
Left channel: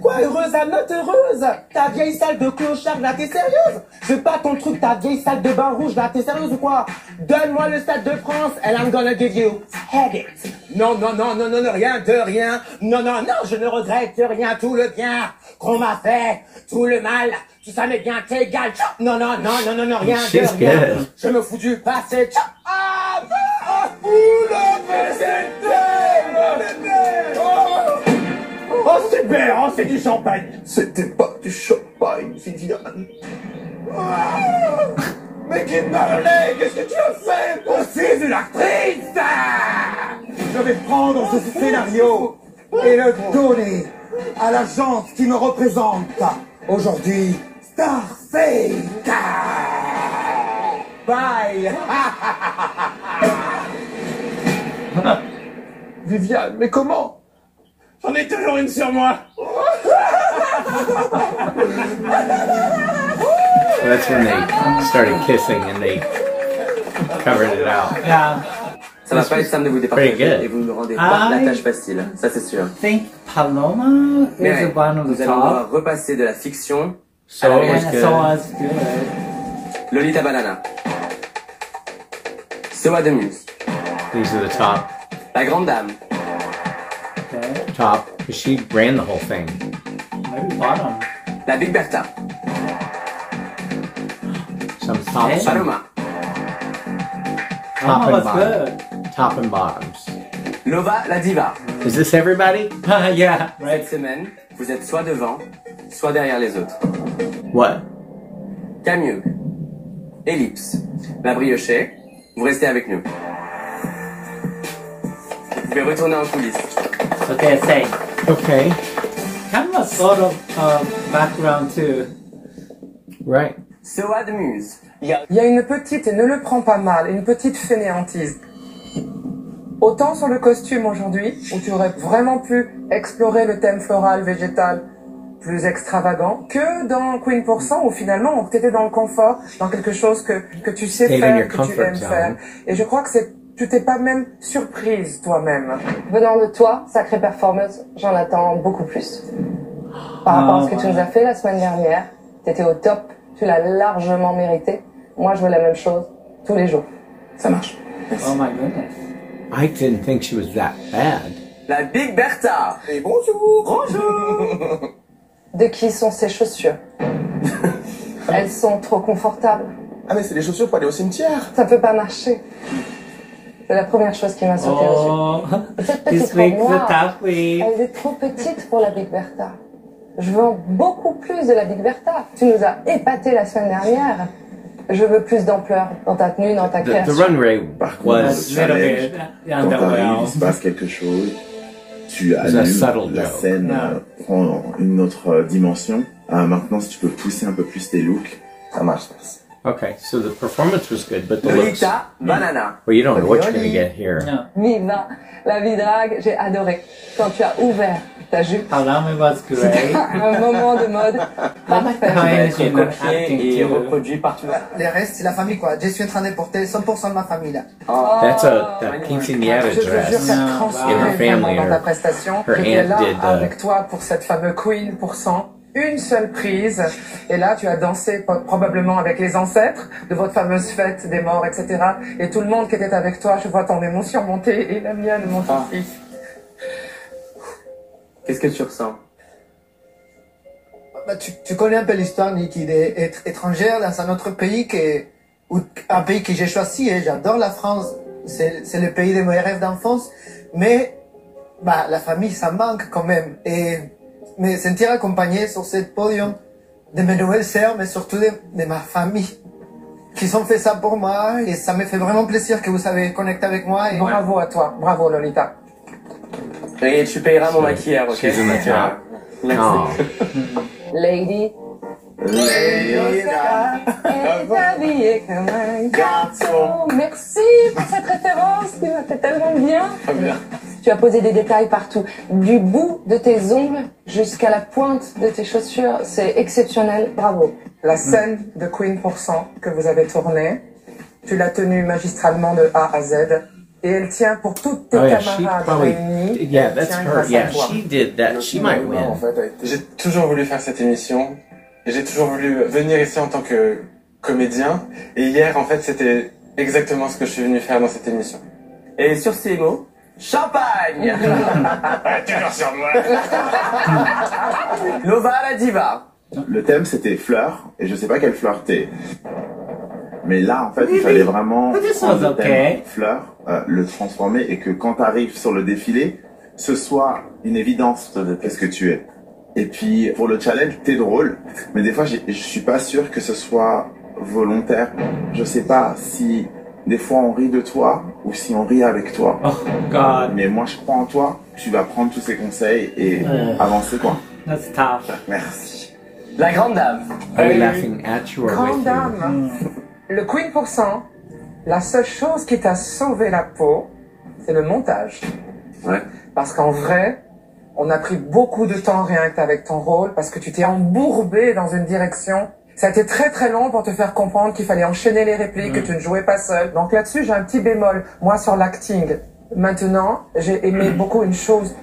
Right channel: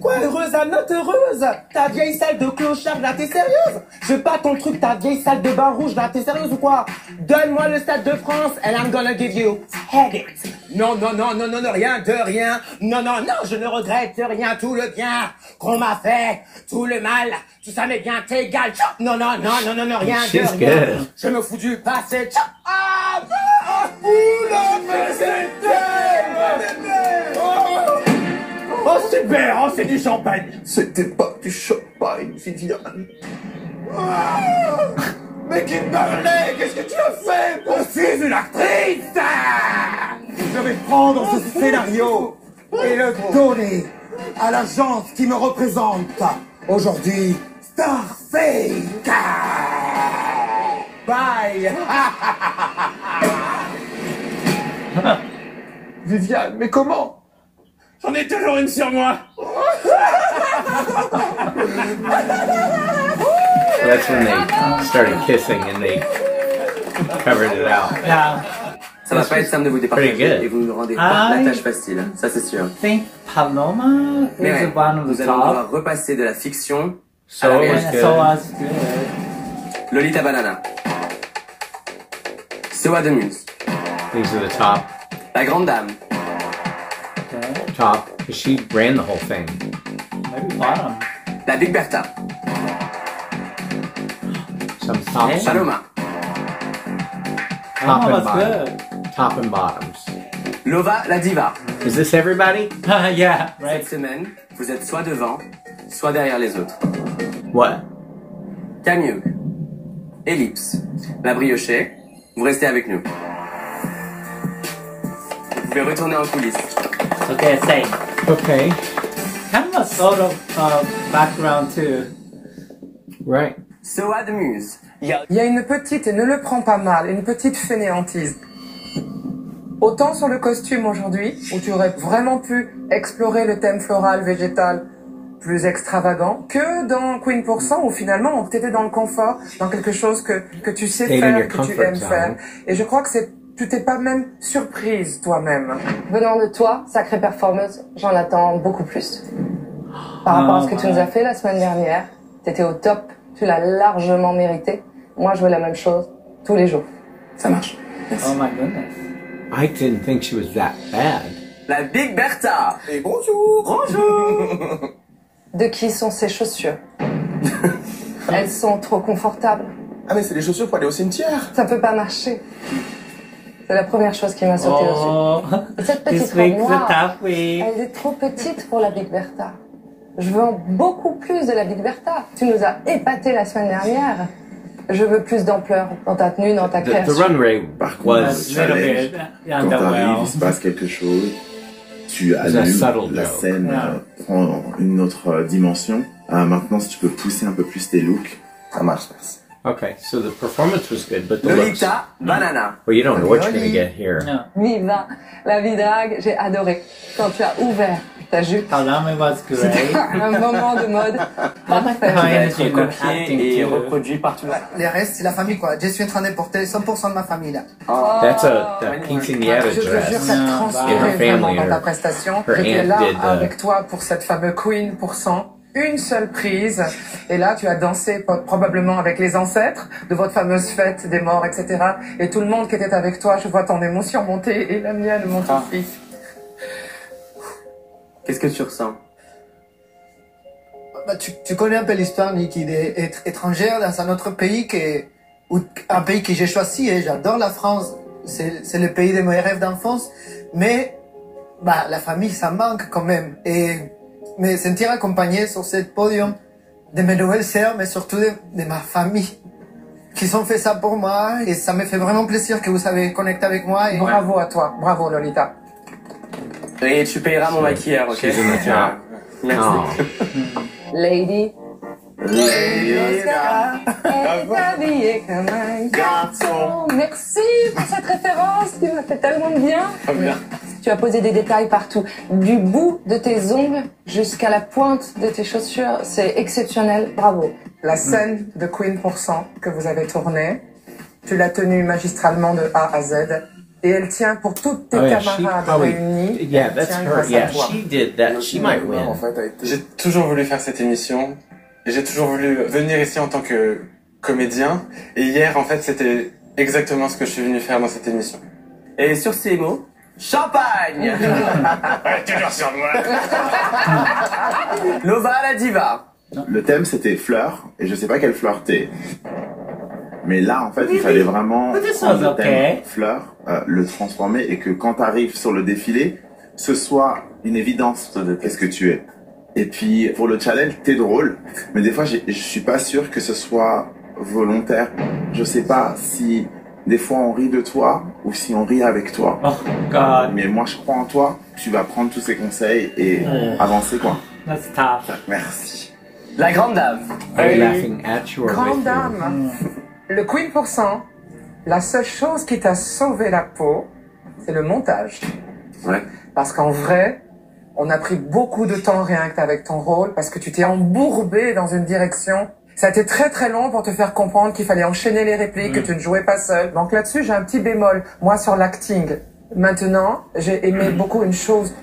Quoi, heureuse, I'm not heureuse. Ta vieille salle de clochard, là t'es sérieuse? C'est pas ton truc, ta vieille salle de bain rouge, là t'es sérieuse ou quoi? Donne-moi le Stade de France and I'm gonna give you head it. Non, rien de rien. Non, je ne regrette rien, tout le bien qu'on m'a fait, tout le mal, tout ça m'est bien égal. Non, rien de rien. Je me fous du passé. Oh super, oh c'est du champagne. C'était pas du champagne, Viviane. Mais qui parlait? Qu'est-ce que tu as fait? Je suis une actrice. Je vais prendre ce scénario et le donner à l'agence qui me représente. Aujourd'hui, Starfake. Bye. Viviane, mais comment? J'en ai toujours une sur moi. So that's when they started kissing and they covered it out. Yeah. Ça va pas être simple de vous départager et vous me rendez pas la tâche facile, ça c'est sûr. I think Paloma is Mais the one of nous the allons top. devoir repasser de la fiction So à la it was réalité. good. So was good. Lolita Banana. Sewa de Muse. These are the top. La Grande Dame. Okay. Top. Because she ran the whole thing. Maybe bottom. La Big Bertha. Some top, Okay. some Paloma. top was and bottom. good. Top and bottoms. Lova la Diva. Is this everybody? Yeah, right. Cette semaine, vous êtes soit devant, soit derrière les autres. What? Camille. Ellipse. La Briochet. Vous restez avec nous. Vous pouvez retourner en coulisses. Okay, say. Okay. Kind of a sort of background too. Right. Sewa de Muse. Il y a une petite, et ne le prends pas mal, une petite fainéantise. Autant sur le costume aujourd'hui, où tu aurais vraiment pu explorer le thème floral, végétal, plus extravagant, que dans Queen%, où finalement, tu étais dans le confort, dans quelque chose que tu sais Stayed in faire, your que tu comfort aimes zone. faire. Et je crois que tu t'es pas même surprise toi-même. Venant de toi, sacrée performeuse, j'en attends beaucoup plus. Par rapport à ce que tu nous as fait la semaine dernière, t'étais au top, tu l'as largement mérité. Moi, je veux la même chose tous les jours. Ça marche. Oh my goodness. I didn't think she was that bad. La Big Bertha. Et bonjour. Bonjour. De qui sont ces chaussures? Elles sont trop confortables. Ah mais c'est des chaussures pour aller au cimetière. Ça peut pas marcher. C'est la première chose qui m'a sauté Oh, aux yeux. Et cette petite this robe week's the noire, top week. elle est trop petite pour la Big Bertha. Je veux beaucoup plus de la Big Bertha. Tu nous as épaté la semaine dernière. Je veux plus d'ampleur dans ta tenue, dans ta The création. runway was Little bit Quand t'arrives, underwhelmed. il se passe quelque chose, tu It's a allumes, subtle la joke. scène prend une autre dimension. Maintenant, si tu peux pousser un peu plus tes looks, ça marche. okay. So the performance was good, but the looks. Lolita Banana. Well, you don't know what you're gonna get here. No. Viva la vie drague, j'ai adoré. Quand tu as ouvert ta jupe, Paloma was great. un moment de mode. I like the Qui va energy être and copié acting et too. reproduit partout. Les restes, c'est la famille, quoi. Je suis en train de porter 100% de ma famille, là. That's a quinceañera Je te jure dress. qu'elle In transpirait her vraiment family, dans ta her prestation. her J'étais aunt là did avec toi pour cette fameuse Queen%. Une seule prise. Et là, tu as dansé probablement avec les ancêtres de votre fameuse fête des morts, etc. Et tout le monde qui était avec toi, je vois ton émotion monter et la mienne monte aussi. Qu'est-ce que tu ressens? Bah, tu connais un peu l'histoire, Niki, d'être étrangère dans un autre pays ou un pays que j'ai choisi, et j'adore la France. C'est le pays de mes rêves d'enfance. Mais, bah, la famille, ça manque quand même. Et me sentir accompagné sur ce podium de mes nouvelles sœurs, mais surtout de ma famille, qui ont fait ça pour moi. Et ça me fait vraiment plaisir que vous avez connecté avec moi. Et Bravo à toi. Bravo, Lolita. Et tu payeras mon maquillage, ok? She's in the top. Merci. Oh. Lady, habillée comme un garçon. Merci pour cette référence qui m'a fait tellement bien. Tu as posé des détails partout. Du bout de tes ongles jusqu'à la pointe de tes chaussures. C'est exceptionnel. Bravo. La scène de Queen % que vous avez tournée, tu l'as tenue magistralement de A à Z. Et elle tient pour toutes tes camarades réunis. Yeah, that's her. Yeah, she did that. She might win. J'ai toujours voulu faire cette émission. Et j'ai toujours voulu venir ici en tant que comédien. Et hier, en fait, c'était exactement ce que je suis venu faire dans cette émission. Et sur ces mots, champagne. Toujours sur moi. Lova la diva. Le thème c'était fleurs, et je sais pas quelle fleur t'es. Mais là, en fait, il fallait vraiment prendre le thème fleurs, le transformer, et que quand t'arrives sur le défilé, ce soit une évidence de qu'est-ce que tu es. Et puis, pour le challenge, t'es drôle, mais des fois, je suis pas sûr que ce soit volontaire. Je sais pas si des fois on rit de toi, ou si on rit avec toi. Oh, God. Mais moi, je crois en toi, tu vas prendre tous ces conseils et avancer, quoi. That's tough. Merci. La grande dame. Are you laughing at you or with Grande you? dame. Le Queen %, la seule chose qui t'a sauvé la peau, c'est le montage. Ouais. Parce qu'en vrai, on a pris beaucoup de temps rien qu'avec ton rôle, parce que tu t'es embourbé dans une direction. Ça a été très très long pour te faire comprendre qu'il fallait enchaîner les répliques, que tu ne jouais pas seul. Donc là-dessus, j'ai un petit bémol. Moi, sur l'acting, maintenant, j'ai aimé beaucoup une chose.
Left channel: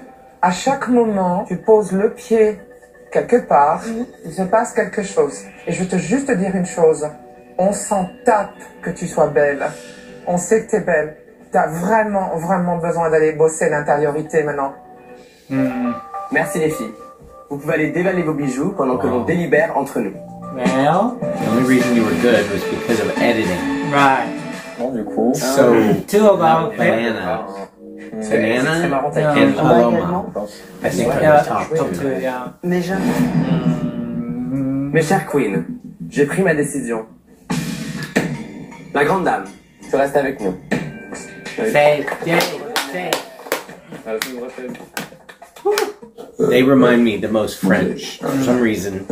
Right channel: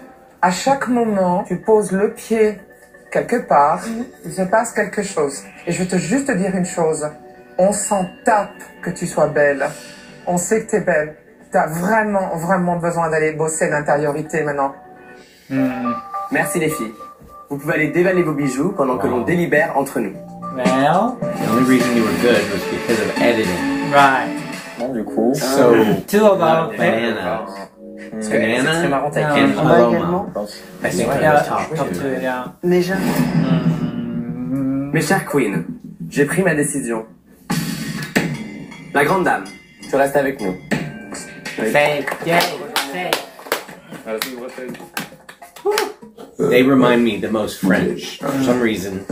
À chaque moment, tu poses le pied quelque part, il se passe quelque chose. Et je veux juste te dire une chose. On s'en tape que tu sois belle. On sait que t'es belle. T'as vraiment, vraiment besoin d'aller bosser l'intériorité maintenant. Merci les filles. Vous pouvez aller dévaler vos bijoux pendant que l'on délibère entre nous. Well, the only reason you were good was because of editing. Right. Bon, du coup. So, two of our banana. C'est Banana très and marrant. Paloma. I think are Yeah, the top top two. two, yeah. Mais jamais. Mes chères queens, j'ai pris ma décision. La grande dame, tu restes avec nous. Say, yay, say. They remind me the most French. For some reason,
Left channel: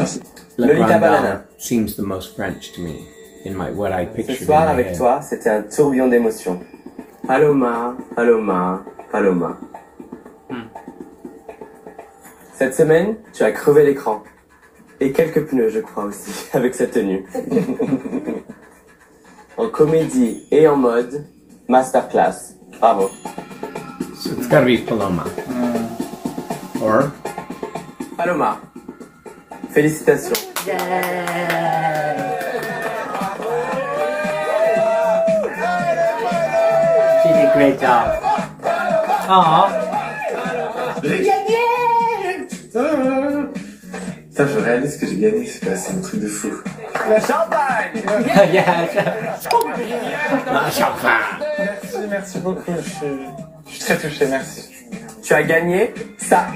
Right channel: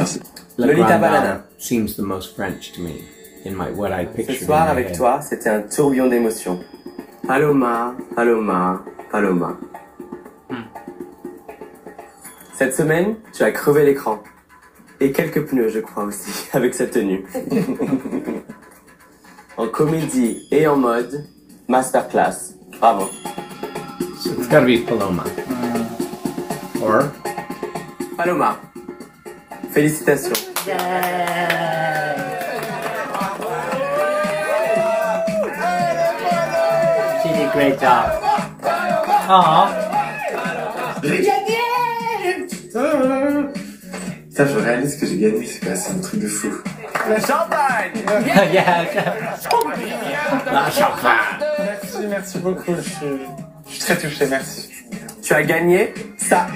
La Lolita Grande Banana. Dame seems the most French to me in what I Ce pictured in soir my avec head. toi, c'était un tourbillon d'émotions. Paloma, Paloma, Paloma. Cette semaine, tu as crevé l'écran. Et quelques pneus, je crois aussi, avec cette tenue. En comédie et en mode, masterclass. Bravo. So it's gotta be Paloma. Or? Paloma. Félicitations. She did a great job. Aww. J'ai gagné! Putain, je réalise que j'ai gagné, c'est un truc de fou. Le champagne. Yeah. La champagne. Merci beaucoup. Je suis très touché, merci. Tu as gagné ça.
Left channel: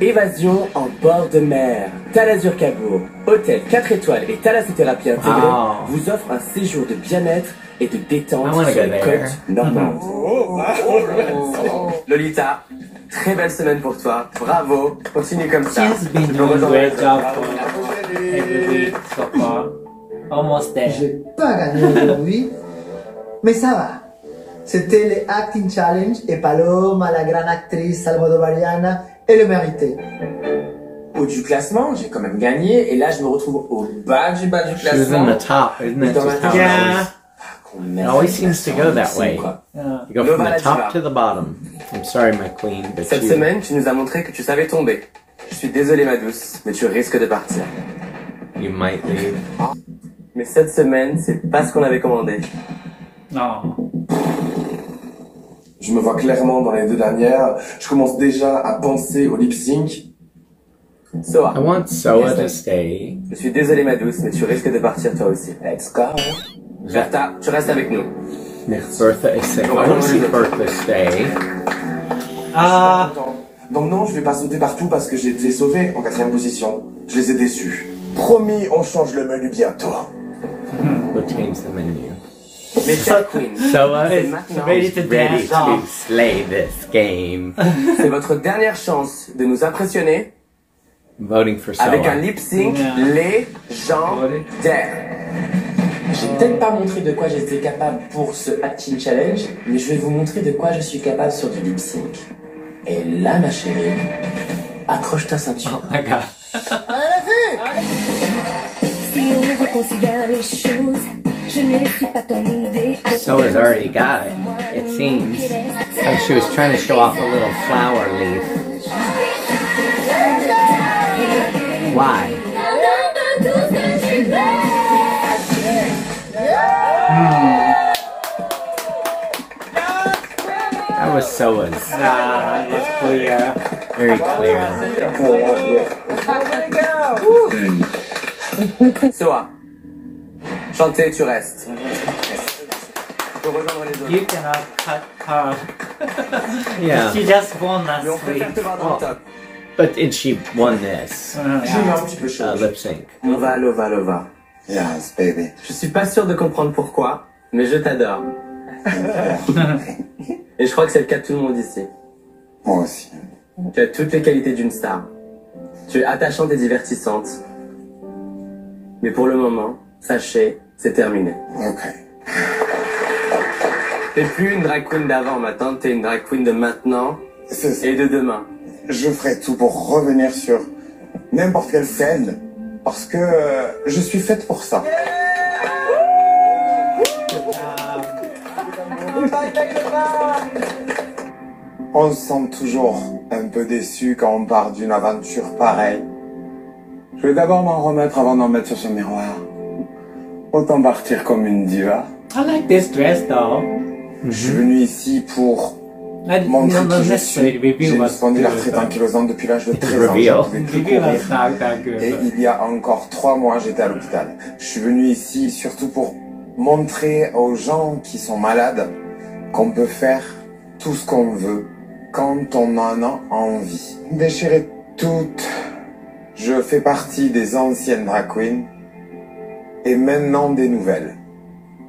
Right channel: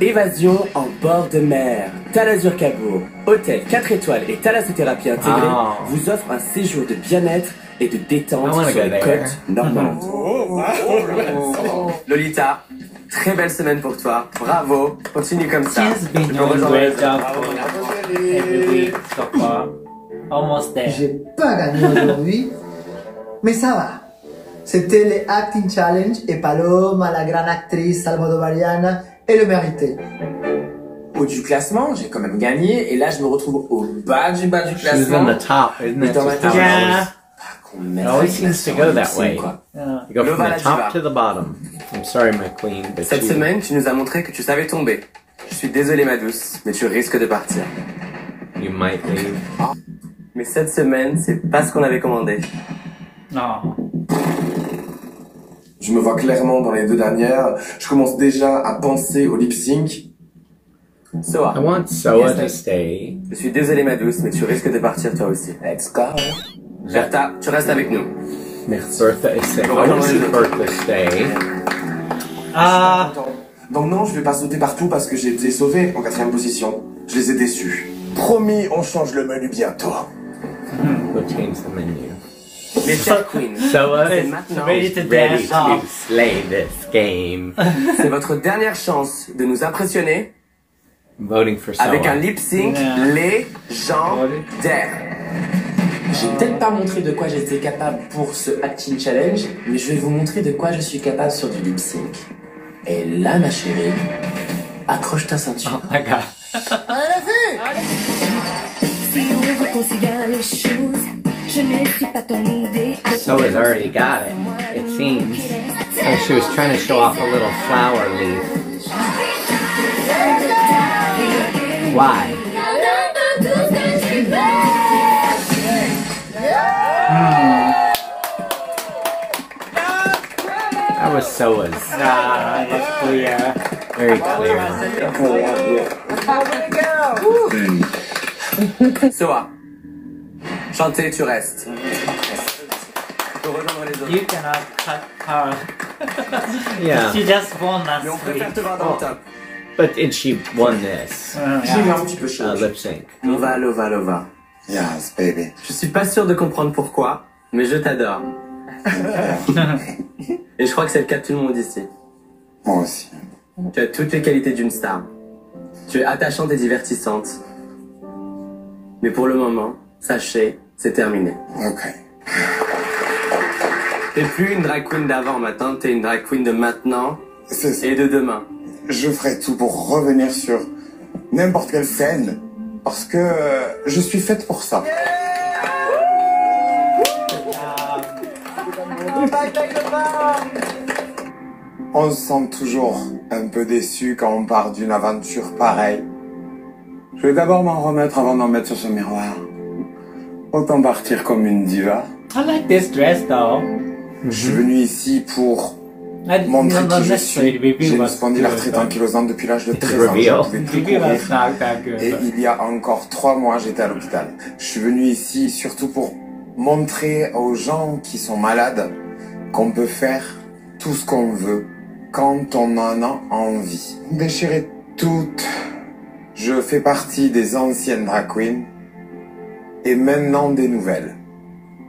Évasion en bord de mer. Talazur Cabourg, hôtel 4 étoiles et thalassothérapie intégrée Wow. vous offre un séjour de bien-être et de détente I wanna sur go les there. côtes normandes. Lolita, très belle semaine pour toi. Bravo, continue comme ça. She's been Tu peux doing a rejoindre great les job autres. for every week so far. Almost there. J'ai pas gagné aujourd'hui, mais ça va. C'était les Acting Challenge et Paloma, la grande actrice almodovariana, elle le méritait. Haut du classement, j'ai quand même gagné, et là je me retrouve au bas du She was in classement. the top, isn't Et it dans ma just tête, how it Yeah. always... It always seems to go that way. Yeah. You go from Nova the top Diva. to the bottom. I'm sorry, my queen, but Cette you, semaine, tu nous as montré que tu savais tomber. Je suis désolé, ma douce, mais tu risques de partir. you might leave. Mais cette semaine, c'est pas ce qu'on avait commandé. No. Je me vois clairement dans les deux dernières. Je commence déjà à penser au lip sync. Soa. I want Soa to stay. Je suis désolé, ma douce, mais tu risques de partir toi aussi. Let's go. Bertha, tu restes avec nous. Bertha is sick. I want to see Bertha stay. Donc non, je vais pas sauter partout parce que j'ai été sauvé en 4e position. Je les ai déçus. Promis, on change le menu bientôt. We'll change the menu. Mais chers queens, Soa c'est is maintenant. ready to slay this game. C'est votre dernière chance de nous impressionner I'm voting for Soa. avec un lip sync légendaire. J'ai peut-être pas montré de quoi j'étais capable pour ce Acting Challenge, mais je vais vous montrer de quoi je suis capable sur du lip sync. Et là, ma chérie, accroche ta ceinture. Oh my god. Si on reconsidère les choses, je ne suis pas ton idée. So has already got it, it seems. Oh, she was trying to show off a little flower leaf. Why? That was Soa's. Nah, that was clear. Very clear. Soa, chanter, tu restes. Tu peux rejoindre les autres. You cannot cut her. Yeah. She just won last Mais on peut week. faire te voir dans le top. But and she won this lip sync. Lova, lova, lova. Yes, baby. Je suis pas sûr de comprendre pourquoi, mais je t'adore. Et je crois que c'est le cas de tout le monde ici. Moi aussi. Tu as toutes les qualités d'une star. Tu es attachante et divertissante. Mais pour le moment, sachez, c'est terminé. Ok. T'es plus une drag queen d'avant maintenant, t'es une drag queen de maintenant et de demain. Je ferai tout pour revenir sur n'importe quelle scène, parce que je suis faite pour ça. On se sent toujours un peu déçu quand on part d'une aventure pareille. Je vais d'abord m'en remettre avant d'en mettre sur ce miroir. Autant partir comme une diva. I like this dress though. Je suis venu ici pour montrer qui je suis. J'ai une spondylarthrite ankylosante depuis l'âge de 13 ans. Je ne pouvais plus courir. Et il y a encore 3 mois, j'étais à l'hôpital. Je suis venu ici surtout pour montrer aux gens qui sont malades qu'on peut faire tout ce qu'on veut quand on en a envie. Déchirer toutes. Je fais partie des anciennes drag queens et maintenant des nouvelles.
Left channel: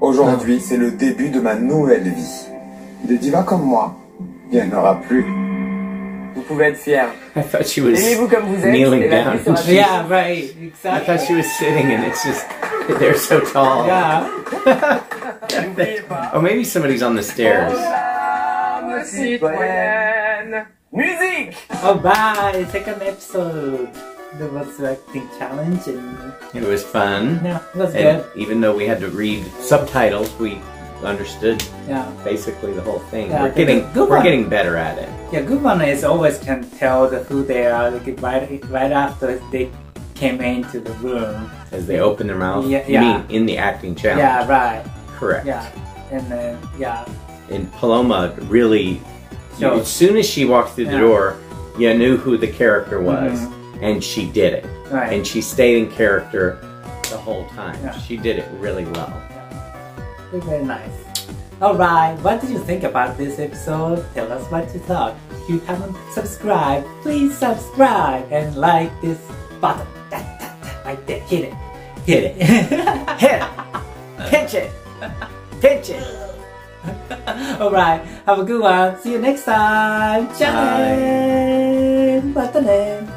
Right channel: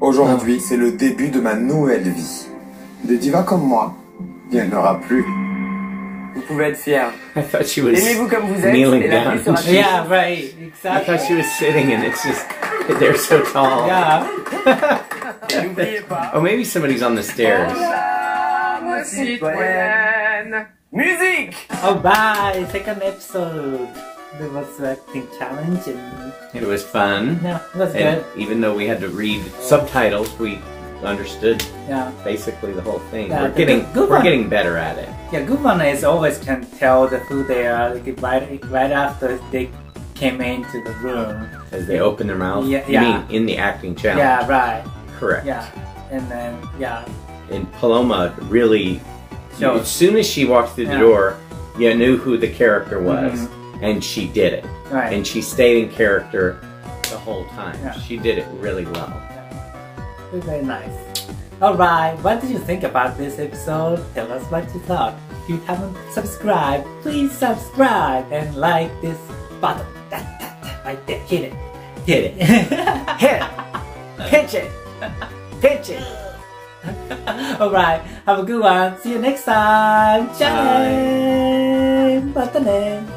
Aujourd'hui, c'est le début de ma nouvelle vie. Des divas comme moi, il n'y en aura plus. Vous pouvez être fiers. I thought she was Aimez-vous comme vous êtes, kneeling et la down. vie sera plus. Yeah, right. I Exactly. thought she was sitting, and it's just they're so tall. Yeah. Oh, maybe somebody's on the stairs. Musique. Alright, second episode. There was acting challenge and It was fun. yeah, it was And good. even though we had to read subtitles, we understood Yeah. basically the whole thing. Yeah, we're the getting good we're one. getting better at it. Yeah, good one is always can tell who they are like, right after they came into the room. As they open their mouth. Yeah, You yeah. mean in the acting challenge? Yeah, right. Correct. Yeah, and then yeah, And Paloma really, Shows. as soon as she walked through the Yeah. door, you knew who the character was, and she did it. Right. And she stayed in character the whole time. Yeah. She did it really well. very, very nice. Alright, what did you think about this episode? Tell us what you thought. If you haven't subscribed, please subscribe and like this button. Right there, hit it. Hit it. Hit it. Pinch it. Pinch it. Alright, have a good one. See you next time. Ciao. What's the name?